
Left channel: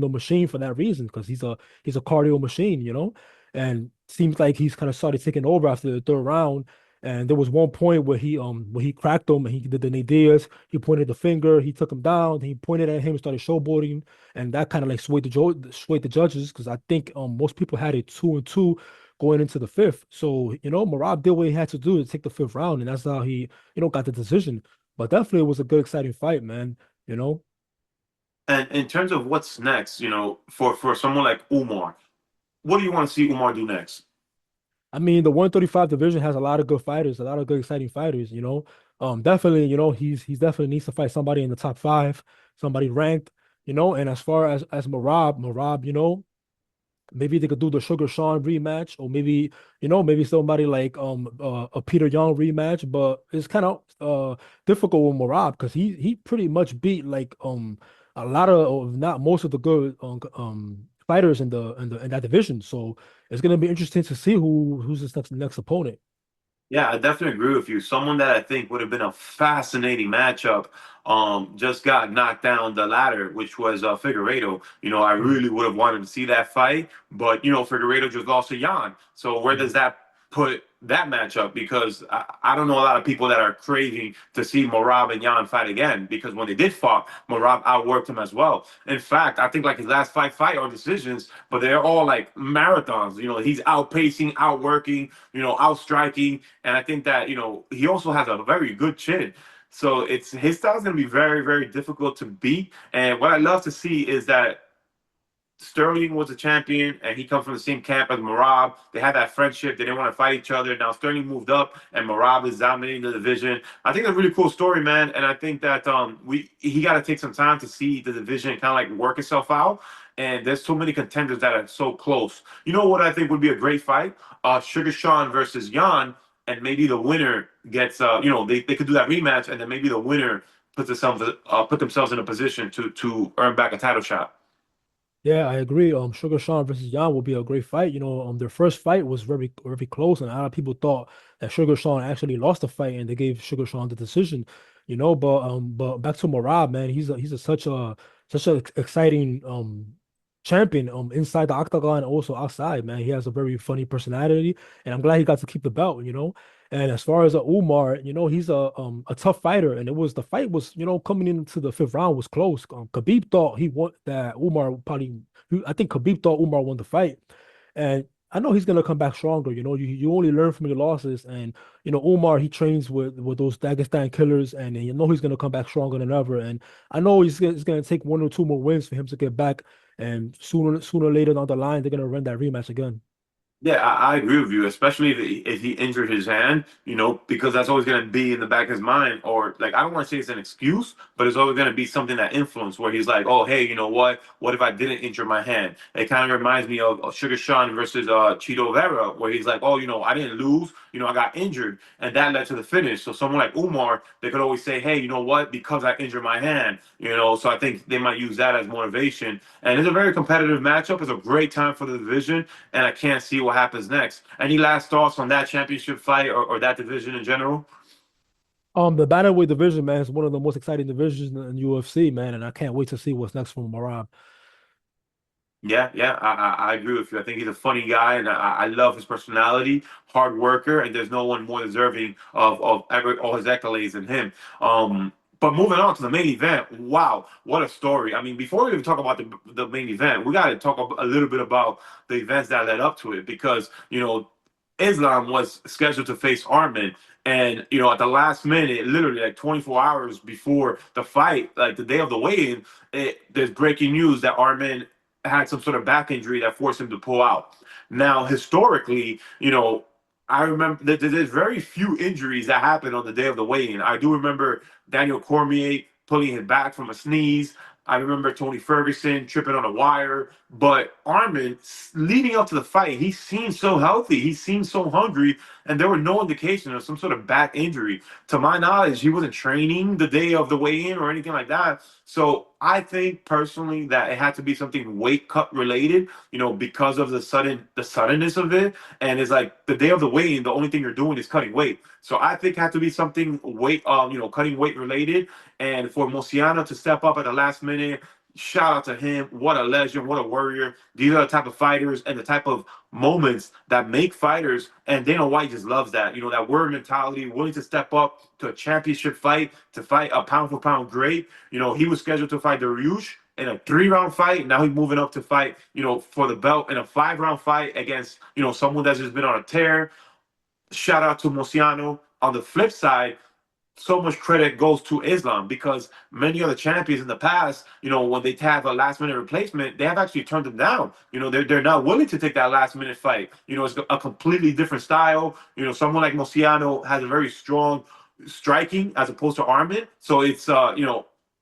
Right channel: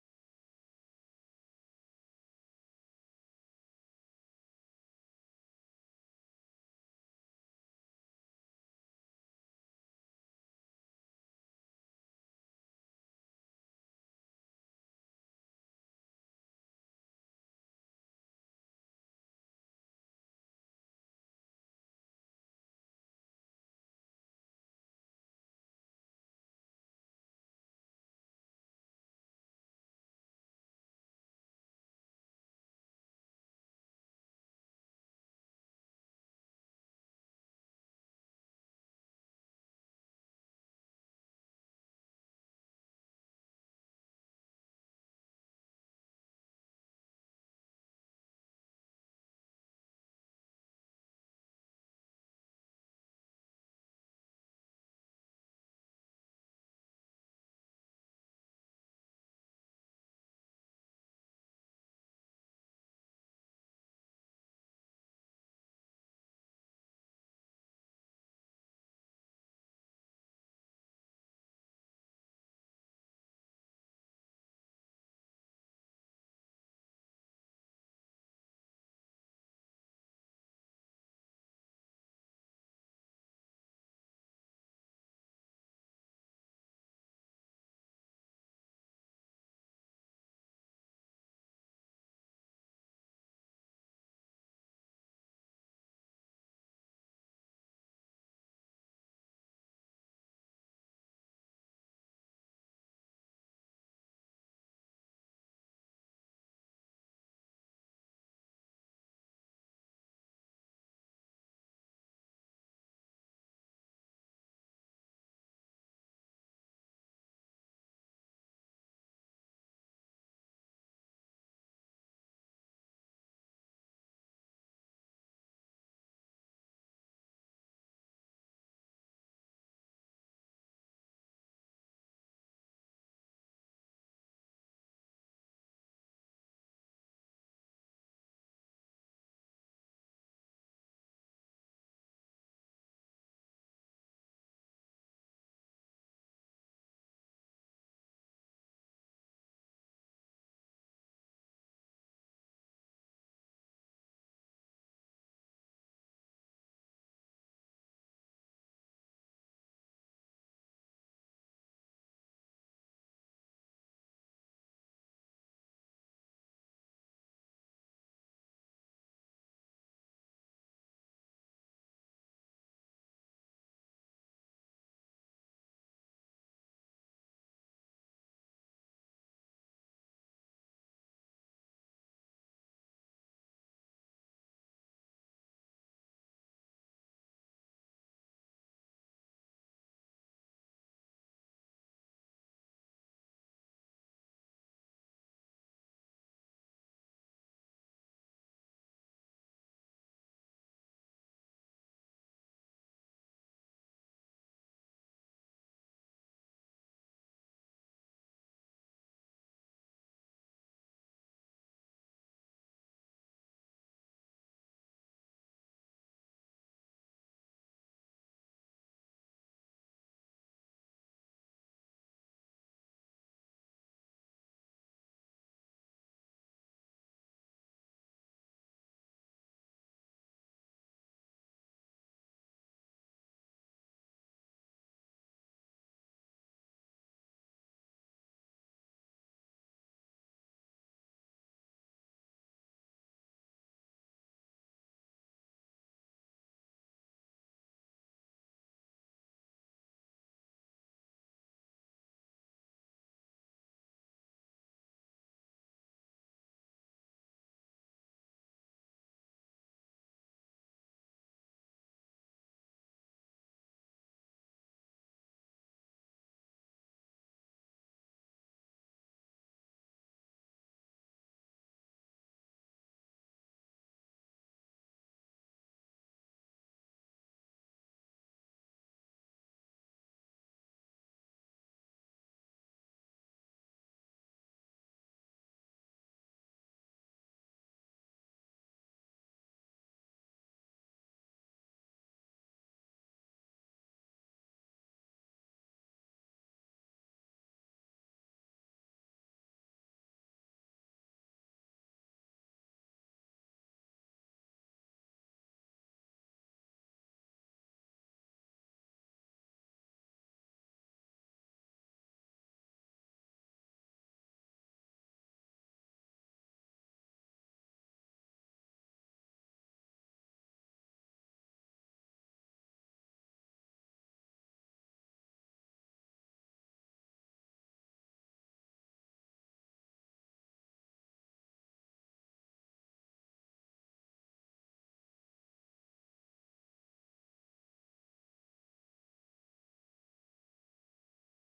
the machine for that reason, because he's a cardio machine. And seems like he's kind of started taking over after the third round. And there was one point where he cracked him and he did the Nadias. He pointed the finger, he took him down, he pointed at him and started showboating, and that kind of like swayed the judges, because I think most people had it 2-2 going into the fifth. So, Marab did what he had to do to take the fifth round, and that's how he, got the decision. But definitely it was a good, exciting fight, man. You know. And in terms of what's next, for someone like Umar, what do you want to see Umar do next? I mean, the 135 division has a lot of good fighters, a lot of good, exciting fighters, Definitely, he's definitely needs to fight somebody in the top five, somebody ranked, and as far as Marab, maybe they could do the Sugar Sean rematch, or maybe somebody like a Peter Young rematch. But it's kind of difficult with Marab, because he pretty much beat like a lot of, not most of the good fighters in that division. So it's gonna be interesting to see who's his next opponent. Yeah, I definitely agree with you. Someone that I think would have been a fascinating matchup just got knocked down the ladder, which was Figueiredo. I Mm, really would have wanted to see that fight, but Figueiredo just lost to Jan. So where does mm. that put that matchup? Because I don't know a lot of people that are craving to see Morab and Jan fight again, because when they did fight, Morab outworked him as well. In fact, I think like his last fight are decisions, but they're all like marathons. He's outpacing, outworking, outstriking, and I think that he also has a very good chin. So it's his style is going to be very, very difficult to beat. And what I love to see is that Sterling was a champion, and he comes from the same camp as Marab. They had that friendship. They didn't want to fight each other. Now Sterling moved up, and Marab is dominating the division. I think that's a really cool story, man. And I think that he got to take some time to see the division kind of like work itself out. And there's so many contenders that are so close. You know what I think would be a great fight? Sugar Sean versus Jan, and maybe the winner gets they could do that rematch, and then maybe the winner put themselves in a position to earn back a title shot. Yeah, I agree. Sugar Sean versus Yan will be a great fight. Their first fight was very, very close, and a lot of people thought that Sugar Sean actually lost the fight, and they gave Sugar Sean the decision. But back to Marab, man, he's such a exciting champion inside the octagon and also outside, man. He has a very funny personality, and I'm glad he got to keep the belt. And as far as Umar, he's a tough fighter, and the fight was, coming into the fifth round was close. Khabib thought he won that Umar probably. I think Khabib thought Umar won the fight, and I know he's gonna come back stronger. You only learn from your losses, and Umar, he trains with those Dagestan killers, and you know he's gonna come back stronger than ever. And I know it's gonna take one or two more wins for him to get back, and sooner or later down the line they're gonna run that rematch again. Yeah, I agree with you, especially if he injured his hand, because that's always going to be in the back of his mind. Or, like, I don't want to say it's an excuse, but it's always going to be something that influence where he's like, oh, hey, you know what? What if I didn't injure my hand? It kind of reminds me of Sugar Sean versus Cheeto Vera, where he's like, oh, I didn't lose, I got injured, and that led to the finish. So, someone like Umar, they could always say, hey, you know what? Because I injured my hand, so I think they might use that as motivation. And it's a very competitive matchup. It's a great time for the division, and I can't see what happens next. Any last thoughts on that championship fight or that division in general? The bantamweight division, man, is one of the most exciting divisions in UFC, man, and I can't wait to see what's next from Marab. Yeah, yeah, I agree with you. I think he's a funny guy, and I love his personality, hard worker, and there's no one more deserving of all his accolades than him. But moving on to the main event, wow, what a story! I mean, before we even talk about the main event, we got to talk a little bit about the events that led up to it, because Islam was scheduled to face Arman. And at the last minute, literally like 24 hours before the fight, like the day of the weigh-in, there's breaking news that Arman had some sort of back injury that forced him to pull out. Now, historically, I remember that there's very few injuries that happen on the day of the weigh-in. I do remember Daniel Cormier pulling his back from a sneeze. I remember Tony Ferguson tripping on a wire. But Arman, leading up to the fight, he seemed so healthy. He seemed so hungry, and there were no indication of some sort of back injury. To my knowledge, he wasn't training the day of the weigh-in or anything like that. So I think personally that it had to be something weight cut related, because of the suddenness of it. And it's like the day of the weigh-in, the only thing you're doing is cutting weight. So I think it had to be something weight, cutting weight related. And for Mosiano to step up at the last minute, shout out to him. What a legend, what a warrior. These are the type of fighters and the type of moments that make fighters. And Dana White just loves that. That warrior mentality, willing to step up to a championship fight, to fight a pound for pound great. He was scheduled to fight Dariush in a 3-round fight. Now he's moving up to fight, for the belt in a 5-round fight against, someone that's just been on a tear. Shout out to Mosiano. On the flip side, so much credit goes to Islam, because many other champions in the past, when they have a last minute replacement, they have actually turned them down. They're not willing to take that last minute fight. It's a completely different style. Someone like Mosiano has a very strong striking as opposed to Arman. So it's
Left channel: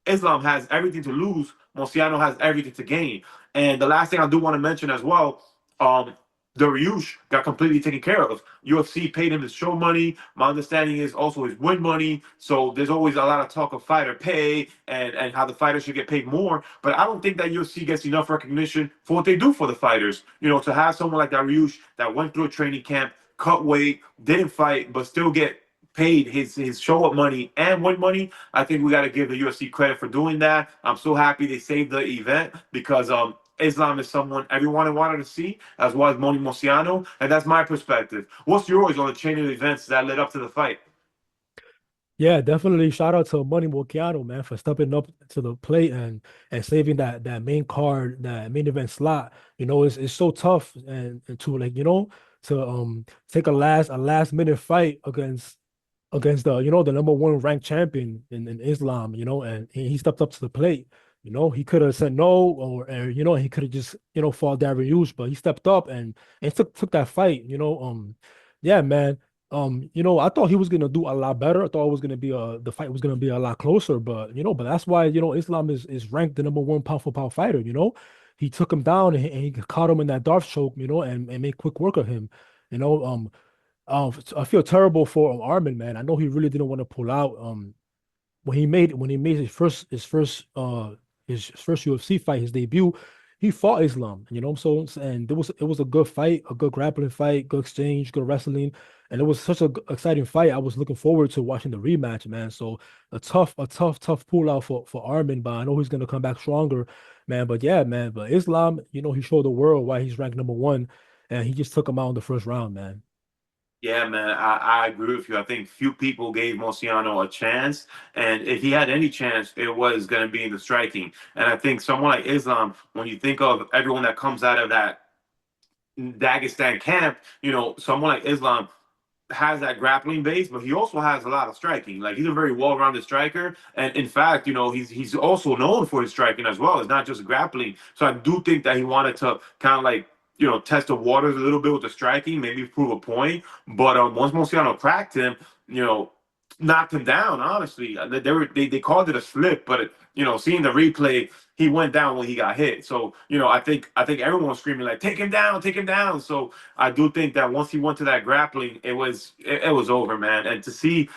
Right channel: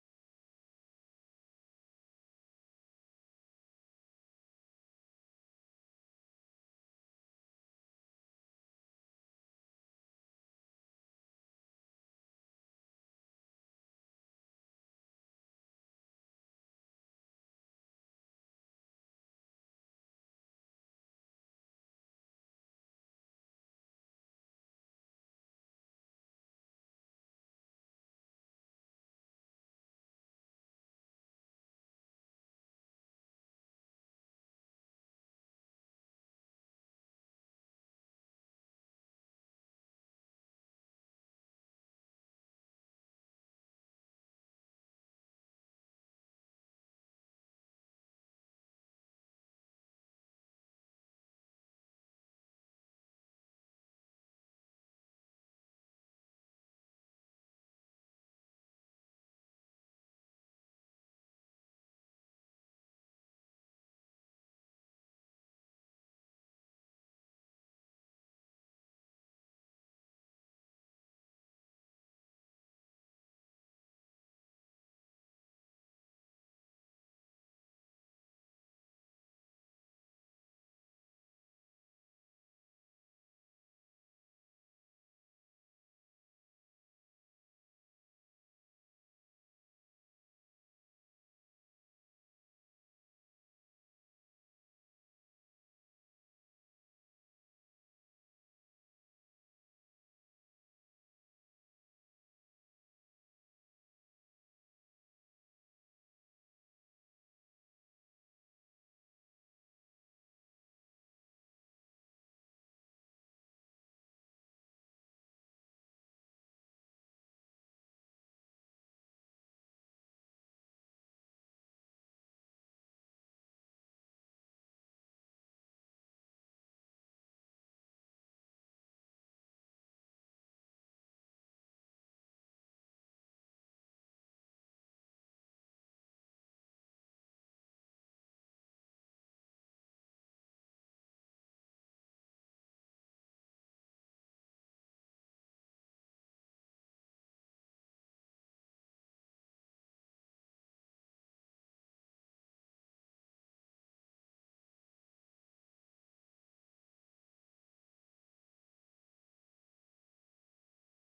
Islam has everything to lose. Mosiano has everything to gain. And the last thing I do want to mention as well, um, Dariush got completely taken care of. UFC paid him his show money. My understanding is also his win money. So there's always a lot of talk of fighter pay and how the fighters should get paid more. But I don't think that UFC gets enough recognition for what they do for the fighters. To have someone like Dariush that went through a training camp, cut weight, didn't fight, but still get paid his show up money and win money. I think we got to give the UFC credit for doing that. I'm so happy they saved the event, because Islam is someone everyone wanted to see, as well as Moni Mosiano, and that's my perspective. What's yours on the chain of events that led up to the fight? Yeah, definitely. Shout out to Money Mokiano, man, for stepping up to the plate and saving that main card, that main event slot. It's so tough and to like to take a last minute fight against the number one ranked champion in Islam, and he stepped up to the plate. He could have said no, or he could have just fought Darren Till, but he stepped up and took that fight. Yeah, man. I thought he was gonna do a lot better. I thought it was gonna be the fight was gonna be a lot closer, but that's why Islam is ranked the number one pound for pound fighter. He took him down and he caught him in that Darth choke, and made quick work of him. You know, I feel terrible for Armin, man. I know he really didn't want to pull out. When he made his first UFC fight, his debut, he fought Islam. And it was a good fight, a good grappling fight, good exchange, good wrestling, and it was such a exciting fight. I was looking forward to watching the rematch, man. So a tough pull out for Armin, but I know he's gonna come back stronger, man. But yeah, man. But Islam, he showed the world why he's ranked number one, and he just took him out in the first round, man. Yeah, man, I agree with you. I think few people gave Mosiano a chance, and if he had any chance, it was going to be in the striking. And I think someone like Islam, when you think of everyone that comes out of that Dagestan camp, someone like Islam has that grappling base, but he also has a lot of striking. Like, he's a very well-rounded striker, and in fact, he's also known for his striking as well. It's not just grappling. So I do think that he wanted to kind of like test the waters a little bit with the striking, maybe prove a point. But once Mociano cracked him, you know, knocked him down. Honestly, they called it a slip, but seeing the replay, he went down when he got hit. So I think everyone was screaming like, take him down, take him down. So I do think that once he went to that grappling, it was over, man. And to see,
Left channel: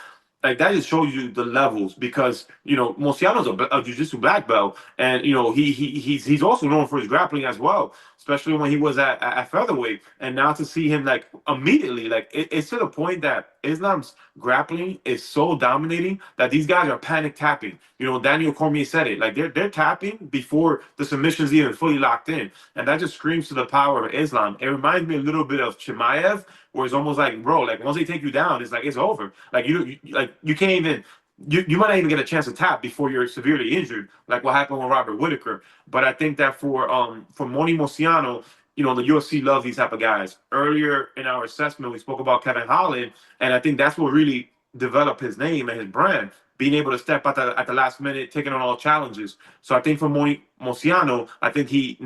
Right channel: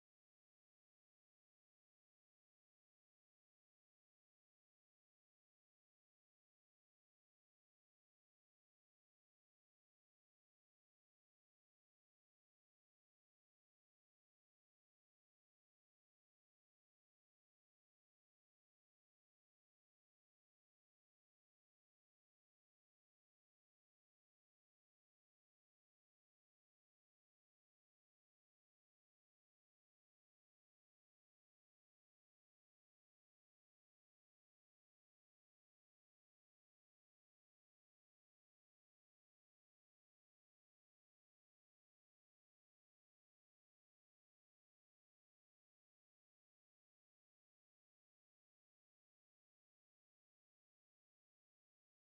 like, that just shows you the levels, because Mociano's a jiu-jitsu black belt, and he's also known for his grappling as well, especially when he was at featherweight. And now to see him like immediately, like it's to the point that Islam's grappling is so dominating that these guys are panic tapping. You know, Daniel Cormier said it. Like they're tapping before the submission's even fully locked in, and that just screams to the power of Islam. It reminds me a little bit of Chimaev, where it's almost like, bro, like once they take you down, it's like it's over. Like you can't even. You might not even get a chance to tap before you're severely injured, like what happened with Robert Whitaker. But I think that for Moni Mociano, you know, the UFC loves these type of guys. Earlier in our assessment, we spoke about Kevin Holland, and I think that's what really developed his name and his brand, being able to step at the last minute, taking on all challenges. So I think for Moni Mociano, I think he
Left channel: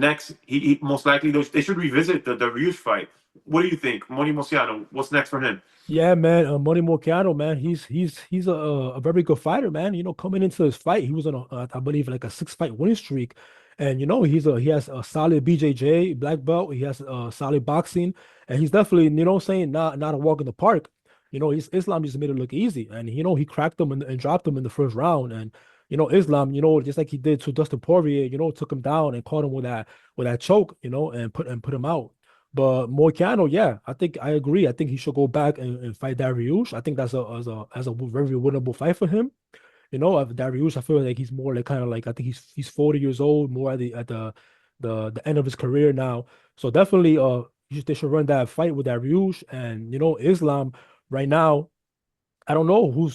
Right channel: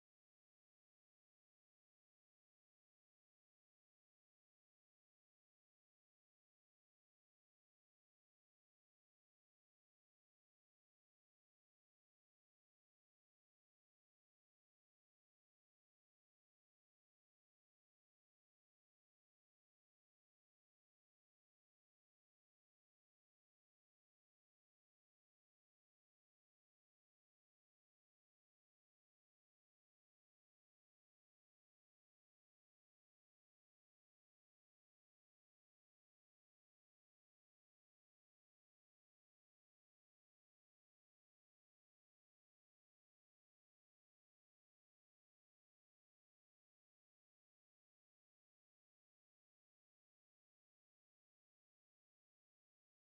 most likely they should revisit the Ryush fight. What do you think, Moni Mociano? What's next for him? Yeah, man, Money Morciano, man, he's a very good fighter, man. You know, coming into this fight, he was on I believe like a 6 fight winning streak, and you know he has a solid BJJ black belt. He has solid boxing, and he's definitely saying not a walk in the park. You know, Islam just made it look easy, and you know he cracked him and dropped him in the first round, and you know Islam, just like he did to Dustin Poirier, took him down and caught him with that choke, and put him out. But Moicano, yeah, I think I agree. I think he should go back and fight Dariush. I think that's a very winnable fight for him. You know, of Dariush, I feel like he's more like kind of like I think he's 40 years old, more at the end of his career now. So definitely, they should run that fight with Dariush and Islam right now. I don't know who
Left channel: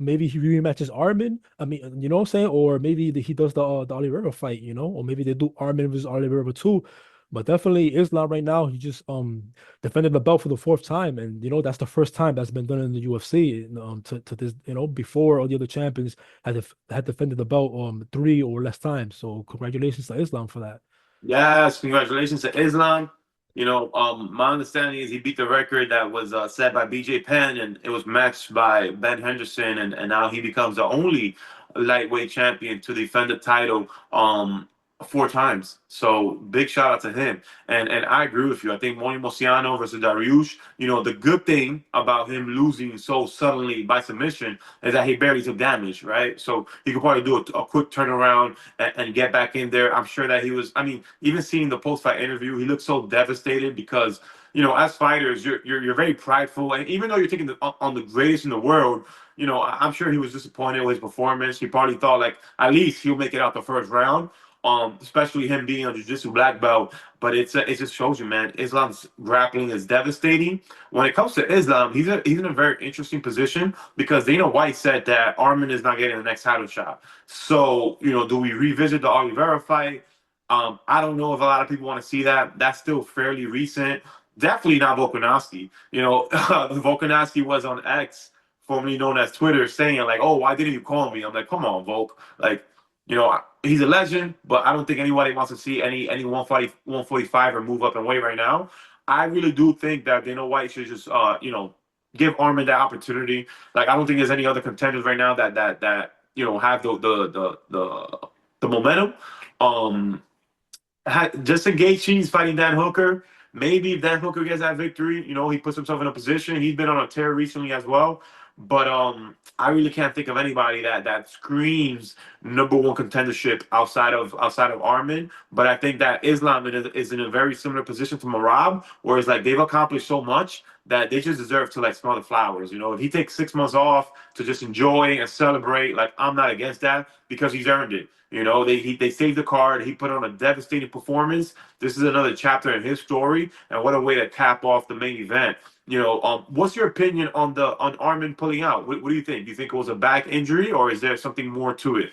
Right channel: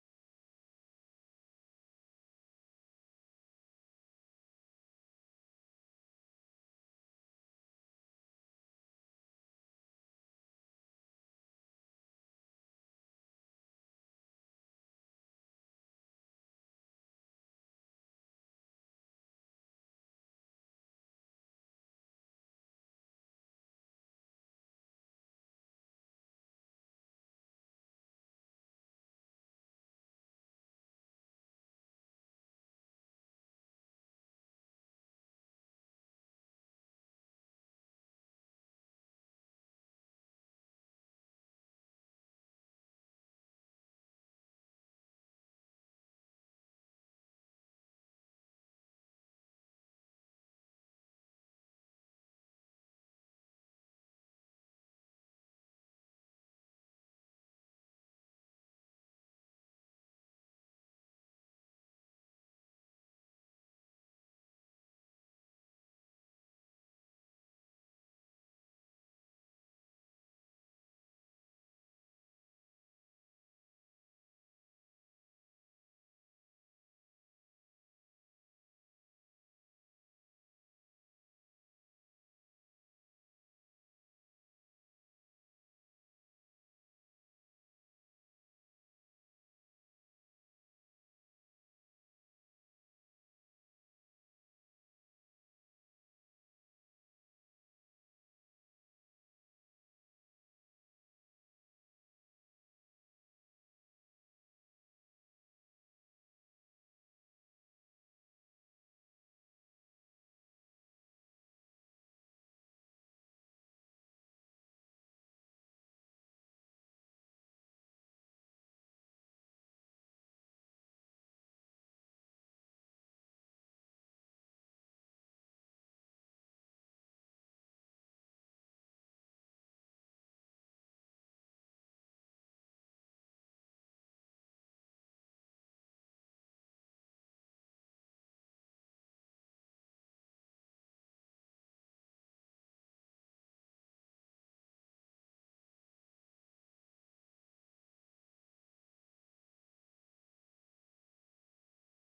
maybe he rematches Armin. I mean, you know what I'm saying? Or maybe he does the Oliveira fight, or maybe they do Armin versus Oliveira too. But definitely Islam right now, he just defended the belt for the fourth time. And that's the first time that's been done in the UFC. To this, before all the other champions had defended the belt three or less times. So congratulations to Islam for that. Yes, congratulations to Islam. You know, my understanding is he beat the record that was set by BJ Penn, and it was matched by Ben Henderson, and now he becomes the only lightweight champion to defend the title 4 times. So big shout out to him. And I agree with you. I think Moni Mociano versus Dariush. You know, the good thing about him losing so suddenly by submission is that he barely took damage, right? So he could probably do a quick turnaround and get back in there. I'm sure that he was. I mean, even seeing the post fight interview, he looked so devastated because as fighters, you're very prideful, and even though you're taking on the greatest in the world, I'm sure he was disappointed with his performance. He probably thought like at least he'll make it out the first round. Especially him being a jiu-jitsu black belt, but it just shows you, man. Islam's grappling is devastating. When it comes to Islam, he's in a very interesting position because Dana White said that Armin is not getting the next title shot. So do we revisit the Oliveira fight? I don't know if a lot of people want to see that. That's still fairly recent. Definitely not Volkanovski. Volkanovski was on X, formerly known as Twitter, saying like, "Oh, why didn't you call me?" I'm like, "Come on, Volk. Like, he's a legend, but I don't think anybody wants to see any 145 or move up in weight right now. I really do think that Dana White should just give Armin that opportunity. Like I don't think there's any other contenders right now that have the momentum. Um, Justin Gaethje's fighting Dan Hooker. Maybe if Dan Hooker gets that victory, he puts himself in a position. He's been on a tear recently as well. But I really can't think of anybody that screams number one contendership outside of Armin. But I think that Islam is in a very similar position to Marab, whereas like they've accomplished so much that they just deserve to like smell the flowers. If he takes 6 months off to just enjoy and celebrate, like I'm not against that because he's earned it. They saved the card. He put on a devastating performance. This is another chapter in his story, and what a way to cap off the main event. What's your opinion on Armin pulling out? What do you think? Do you think it was a back injury, or is there something more to it?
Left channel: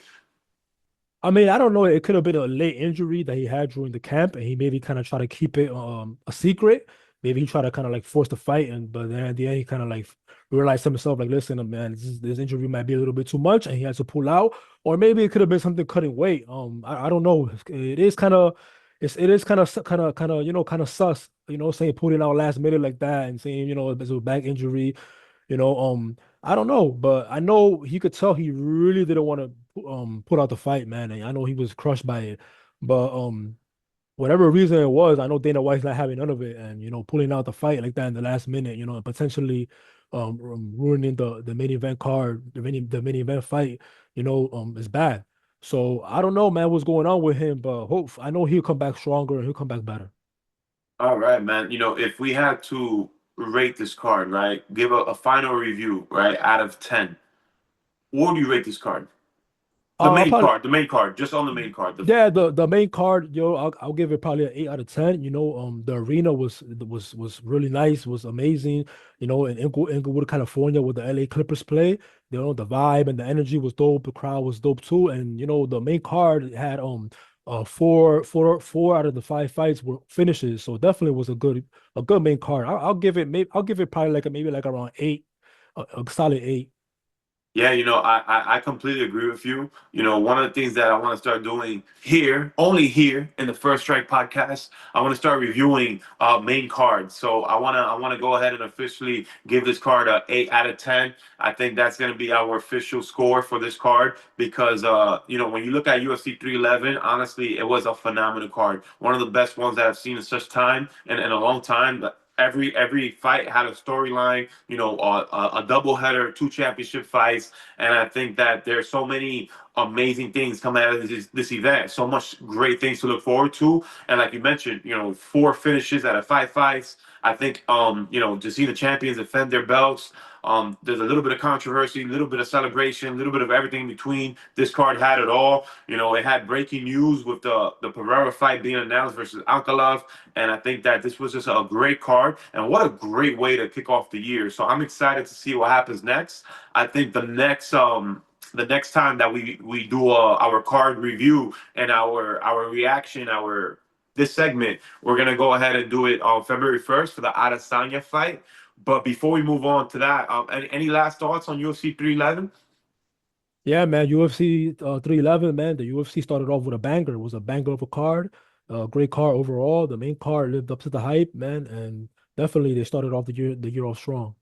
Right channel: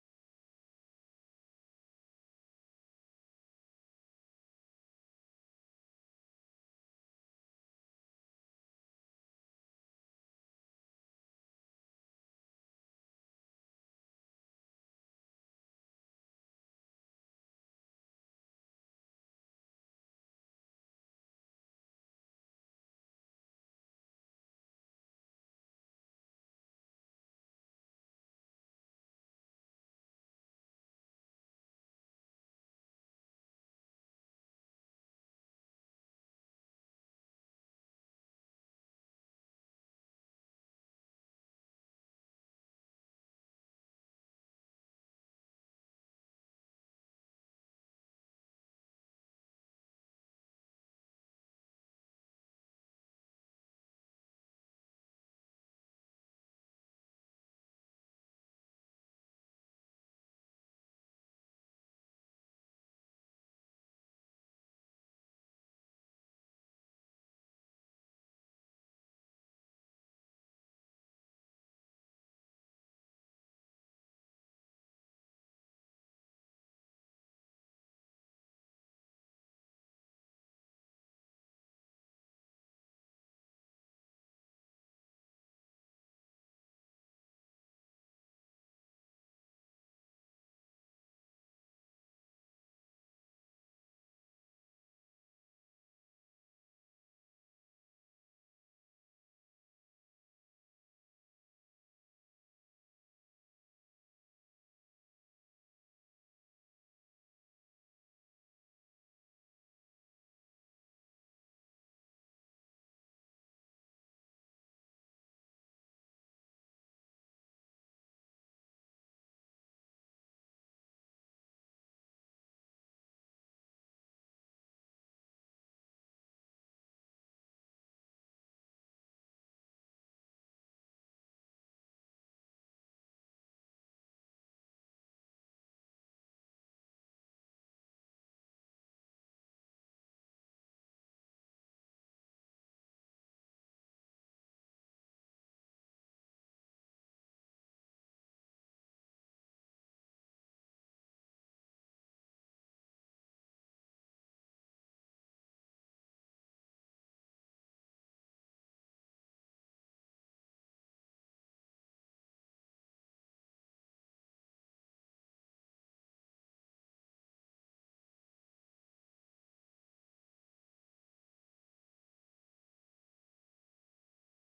I mean, I don't know. It could have been a late injury that he had during the camp, and he maybe kind of tried to keep it a secret. Maybe he tried to kind of like force the fight, but then at the end he kind of like realized to himself like, listen, man, this injury might be a little bit too much, and he had to pull out. Or maybe it could have been something cutting weight. I don't know. It is kind of it is kind of kind of sus. Saying pulling out last minute like that and saying it's a back injury. I don't know, but I know he could tell he really didn't want to put out the fight, man. And I know he was crushed by it. But whatever reason it was, I know Dana White's not having none of it. And pulling out the fight like that in the last minute, and potentially ruining the main event card, the main event fight, is bad. So I don't know, man, what's going on with him, but I know he'll come back stronger and he'll come back better. All right, man. If we had to rate this card, right? Give a final review, right, out of 10. What do you rate this card? Probably. The main card, just on the main card. Yeah, the main card, I'll give it probably an 8 out of 10. The arena was really nice, was amazing. In Inglewood, California, where the LA Clippers play, the vibe and the energy was dope. The crowd was dope too, and the main card had four out of the 5 fights were finishes, so definitely was a good main card. I'll give it probably maybe like around 8, a solid 8. Yeah, I completely agree with you. One of the things that I want to start doing here, only here in the First Strike podcast, I want to start reviewing main cards. So I want to go ahead and officially give this card a 8 out of 10. I think that's going to be our official score for this card because when you look at UFC 311, honestly, it was a phenomenal card. One of the best ones that I've seen in such time and in a long time. Every fight had a storyline, a double header, 2 championship fights, and I think that there's so many amazing things coming out of this event. So much great things to look forward to, and like you mentioned, 4 finishes out of 5 fights. I think to see the champions defend their belts. There's a little bit of controversy, a little bit of celebration, a little bit of everything in between. This card had it all. It had breaking news with the Pereira fight being announced versus Ankalaev. And I think that this was just a great card. And what a great way to kick off the year. So I'm excited to see what happens next. I think the next time that we do our card review and our reaction, our this segment, we're gonna go ahead and do it on February 1st for the Adesanya fight. But before we move on to that, any last thoughts on UFC 311? Yeah, man, UFC 311, man. The UFC started off with a banger. It was a banger of a card. Great card overall. The main card lived up to the hype, man, and definitely they started off the year off strong.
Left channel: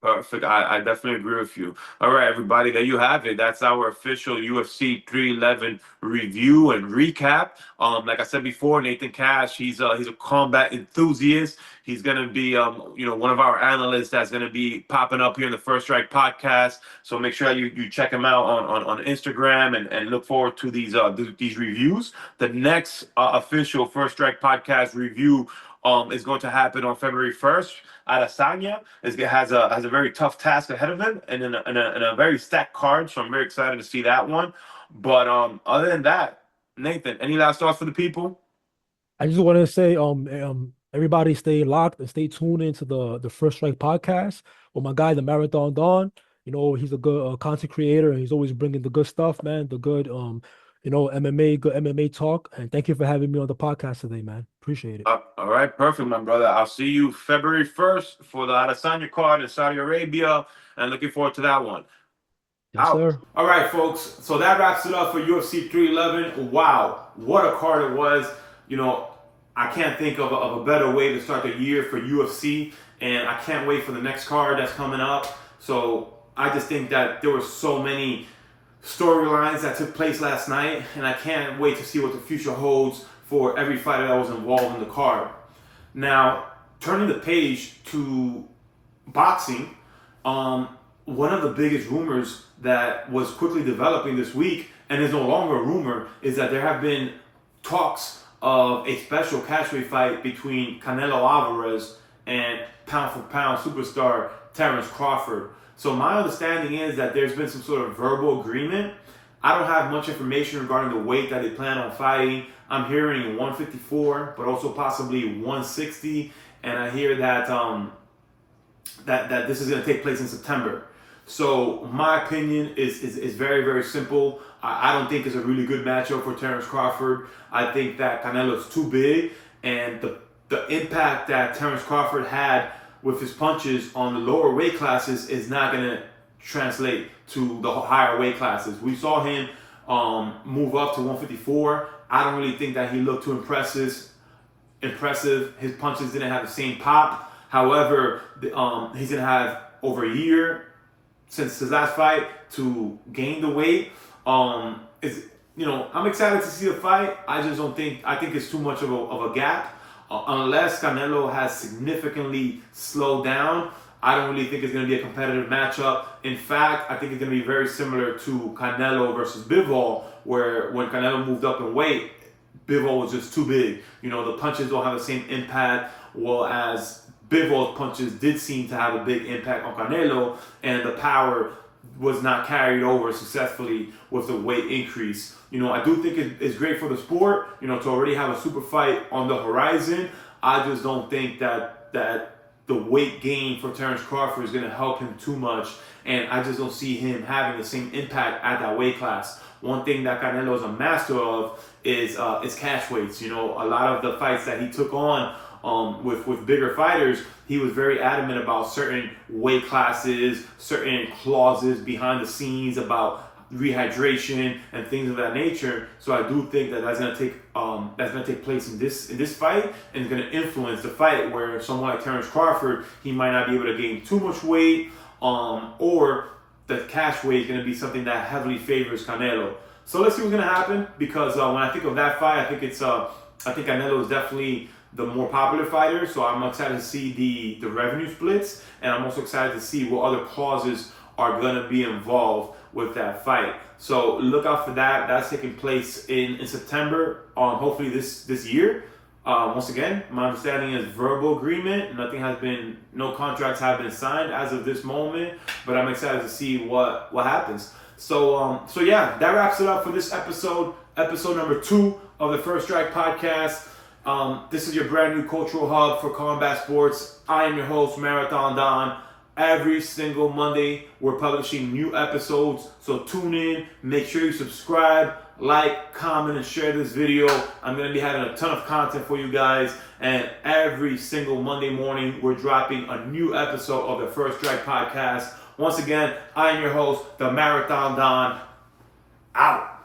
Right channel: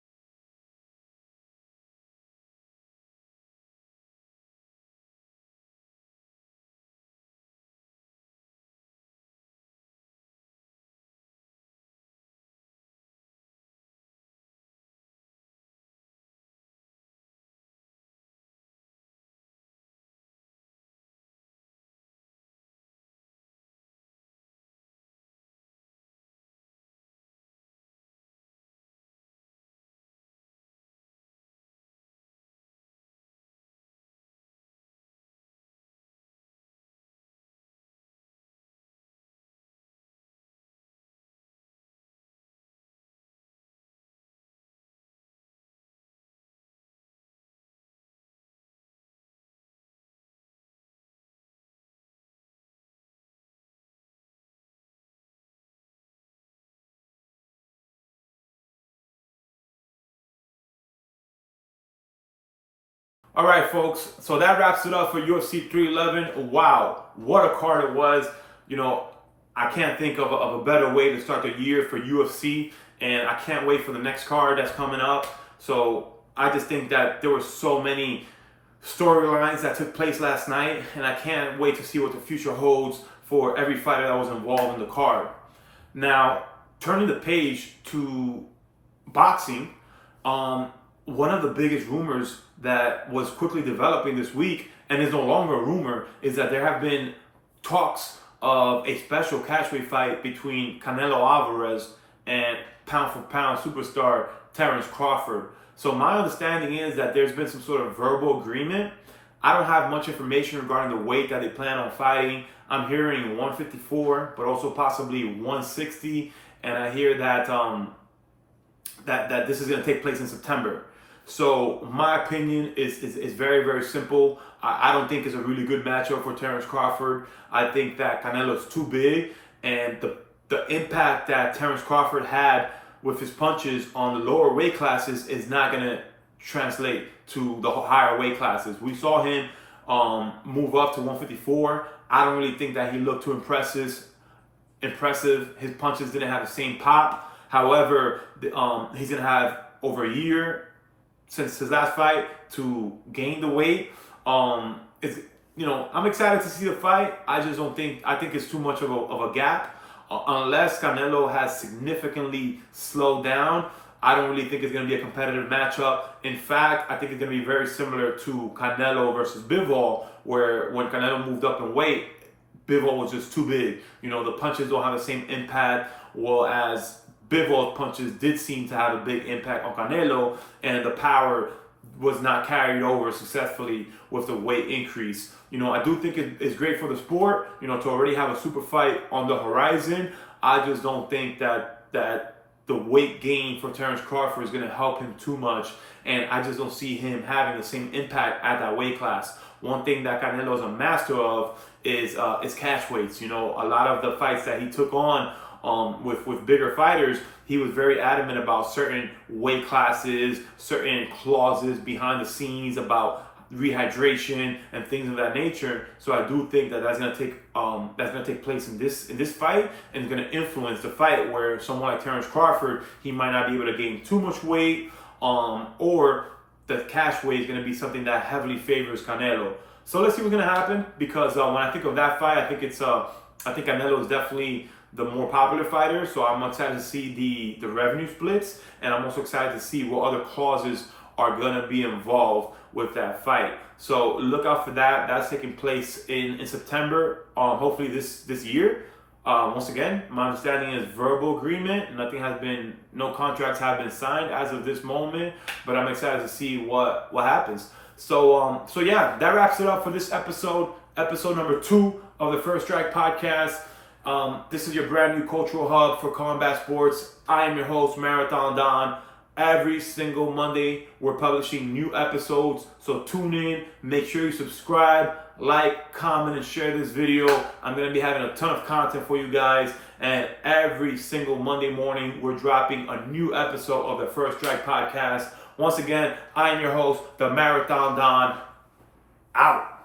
Perfect. I definitely agree with you. All right, everybody, there you have it. That's our official UFC 311 review and recap. Like I said before, Nathan Cash, he's a combat enthusiast. He's gonna be one of our analysts that's gonna be popping up here in the First Strike podcast. So make sure you check him out on Instagram and look forward to these reviews. The next official First Strike podcast review is going to happen on February 1st. Adesanya has a very tough task ahead of him and in a very stacked card, so I'm very excited to see that one. But other than that, Nathan, any last thoughts for the people? I just want to say, everybody stay locked and stay tuned into the First Strike podcast with my guy, the Marathon Don. He's a good content creator, and he's always bringing the good stuff, man. The good, MMA, good MMA talk. And thank you for having me on the podcast today, man. Appreciate it. All right, perfect, my brother. I'll see you February 1st for the Adesanya card in Saudi Arabia, and looking forward to that one. Yes, Out. sir. All right, folks. So that wraps it up for UFC 311. Wow, what a card it was. I can't think of a better way to start the year for UFC, and I can't wait for the next card that's coming up. So I just think that there were so many storylines that took place last night, and I can't wait to see what the future holds for every fighter that was involved in the card. Now, turning the page to boxing, one of the biggest rumors that was quickly developing this week and is no longer a rumor is that there have been talks of a special catchweight fight between Canelo Alvarez and pound for pound superstar Terence Crawford. So my understanding is that there's been some sort of verbal agreement. I don't have much information regarding the weight that they plan on fighting. I'm hearing 154, but also possibly 160, and I hear that that this is going to take place in September. So my opinion is very, very simple. I don't think it's a really good matchup for Terence Crawford. I think that Canelo's too big, and the impact that Terence Crawford had with his punches on the lower weight classes is not going to translate to the higher weight classes. We saw him move up to 154. I don't really think that he looked too impressive. His punches didn't have the same pop. However, he's going to have over a year since his last fight to gain the weight. I'm excited to see the fight. I just don't think, I think it's too much of a gap. Unless Canelo has significantly slowed down, I don't really think it's going to be a competitive matchup. In fact, I think it's going to be very similar to Canelo versus Bivol, where when Canelo moved up in weight, Bivol was just too big. The punches don't have the same impact, well as Bivol punches did seem to have a big impact on Canelo, and the power was not carried over successfully with the weight increase. I do think it's great for the sport, to already have a super fight on the horizon. I just don't think that the weight gain for Terence Crawford is going to help him too much, and I just don't see him having the same impact at that weight class. One thing that Canelo is a master of is catch weights. A lot of the fights that he took on with bigger fighters, he was very adamant about certain weight classes, certain clauses behind the scenes about rehydration and things of that nature. So I do think that's going to take place in this fight, and it's going to influence the fight, where someone like Terence Crawford, he might not be able to gain too much weight, or the cash weight is going to be something that heavily favors Canelo. So let's see what's going to happen, because when I think of that fight, I think Canelo is definitely the more popular fighter. So I'm excited to see the revenue splits, and I'm also excited to see what other clauses are going to be involved with that fight. So look out for that. That's taking place in September, hopefully this year. Once again, my understanding is verbal agreement. No contracts have been signed as of this moment, but I'm excited to see what happens. So yeah, that wraps it up for this episode number 2 of the First Strike podcast. This is your brand new cultural hub for combat sports. I am your host, Marathon Don. Every single Monday, we're publishing new episodes, so tune in. Make sure you subscribe, like, comment, and share this video. I'm going to be having a ton of content for you guys, and every single Monday morning, we're dropping a new episode of the First Strike podcast. Once again, I am your host, the Marathon Don. Out.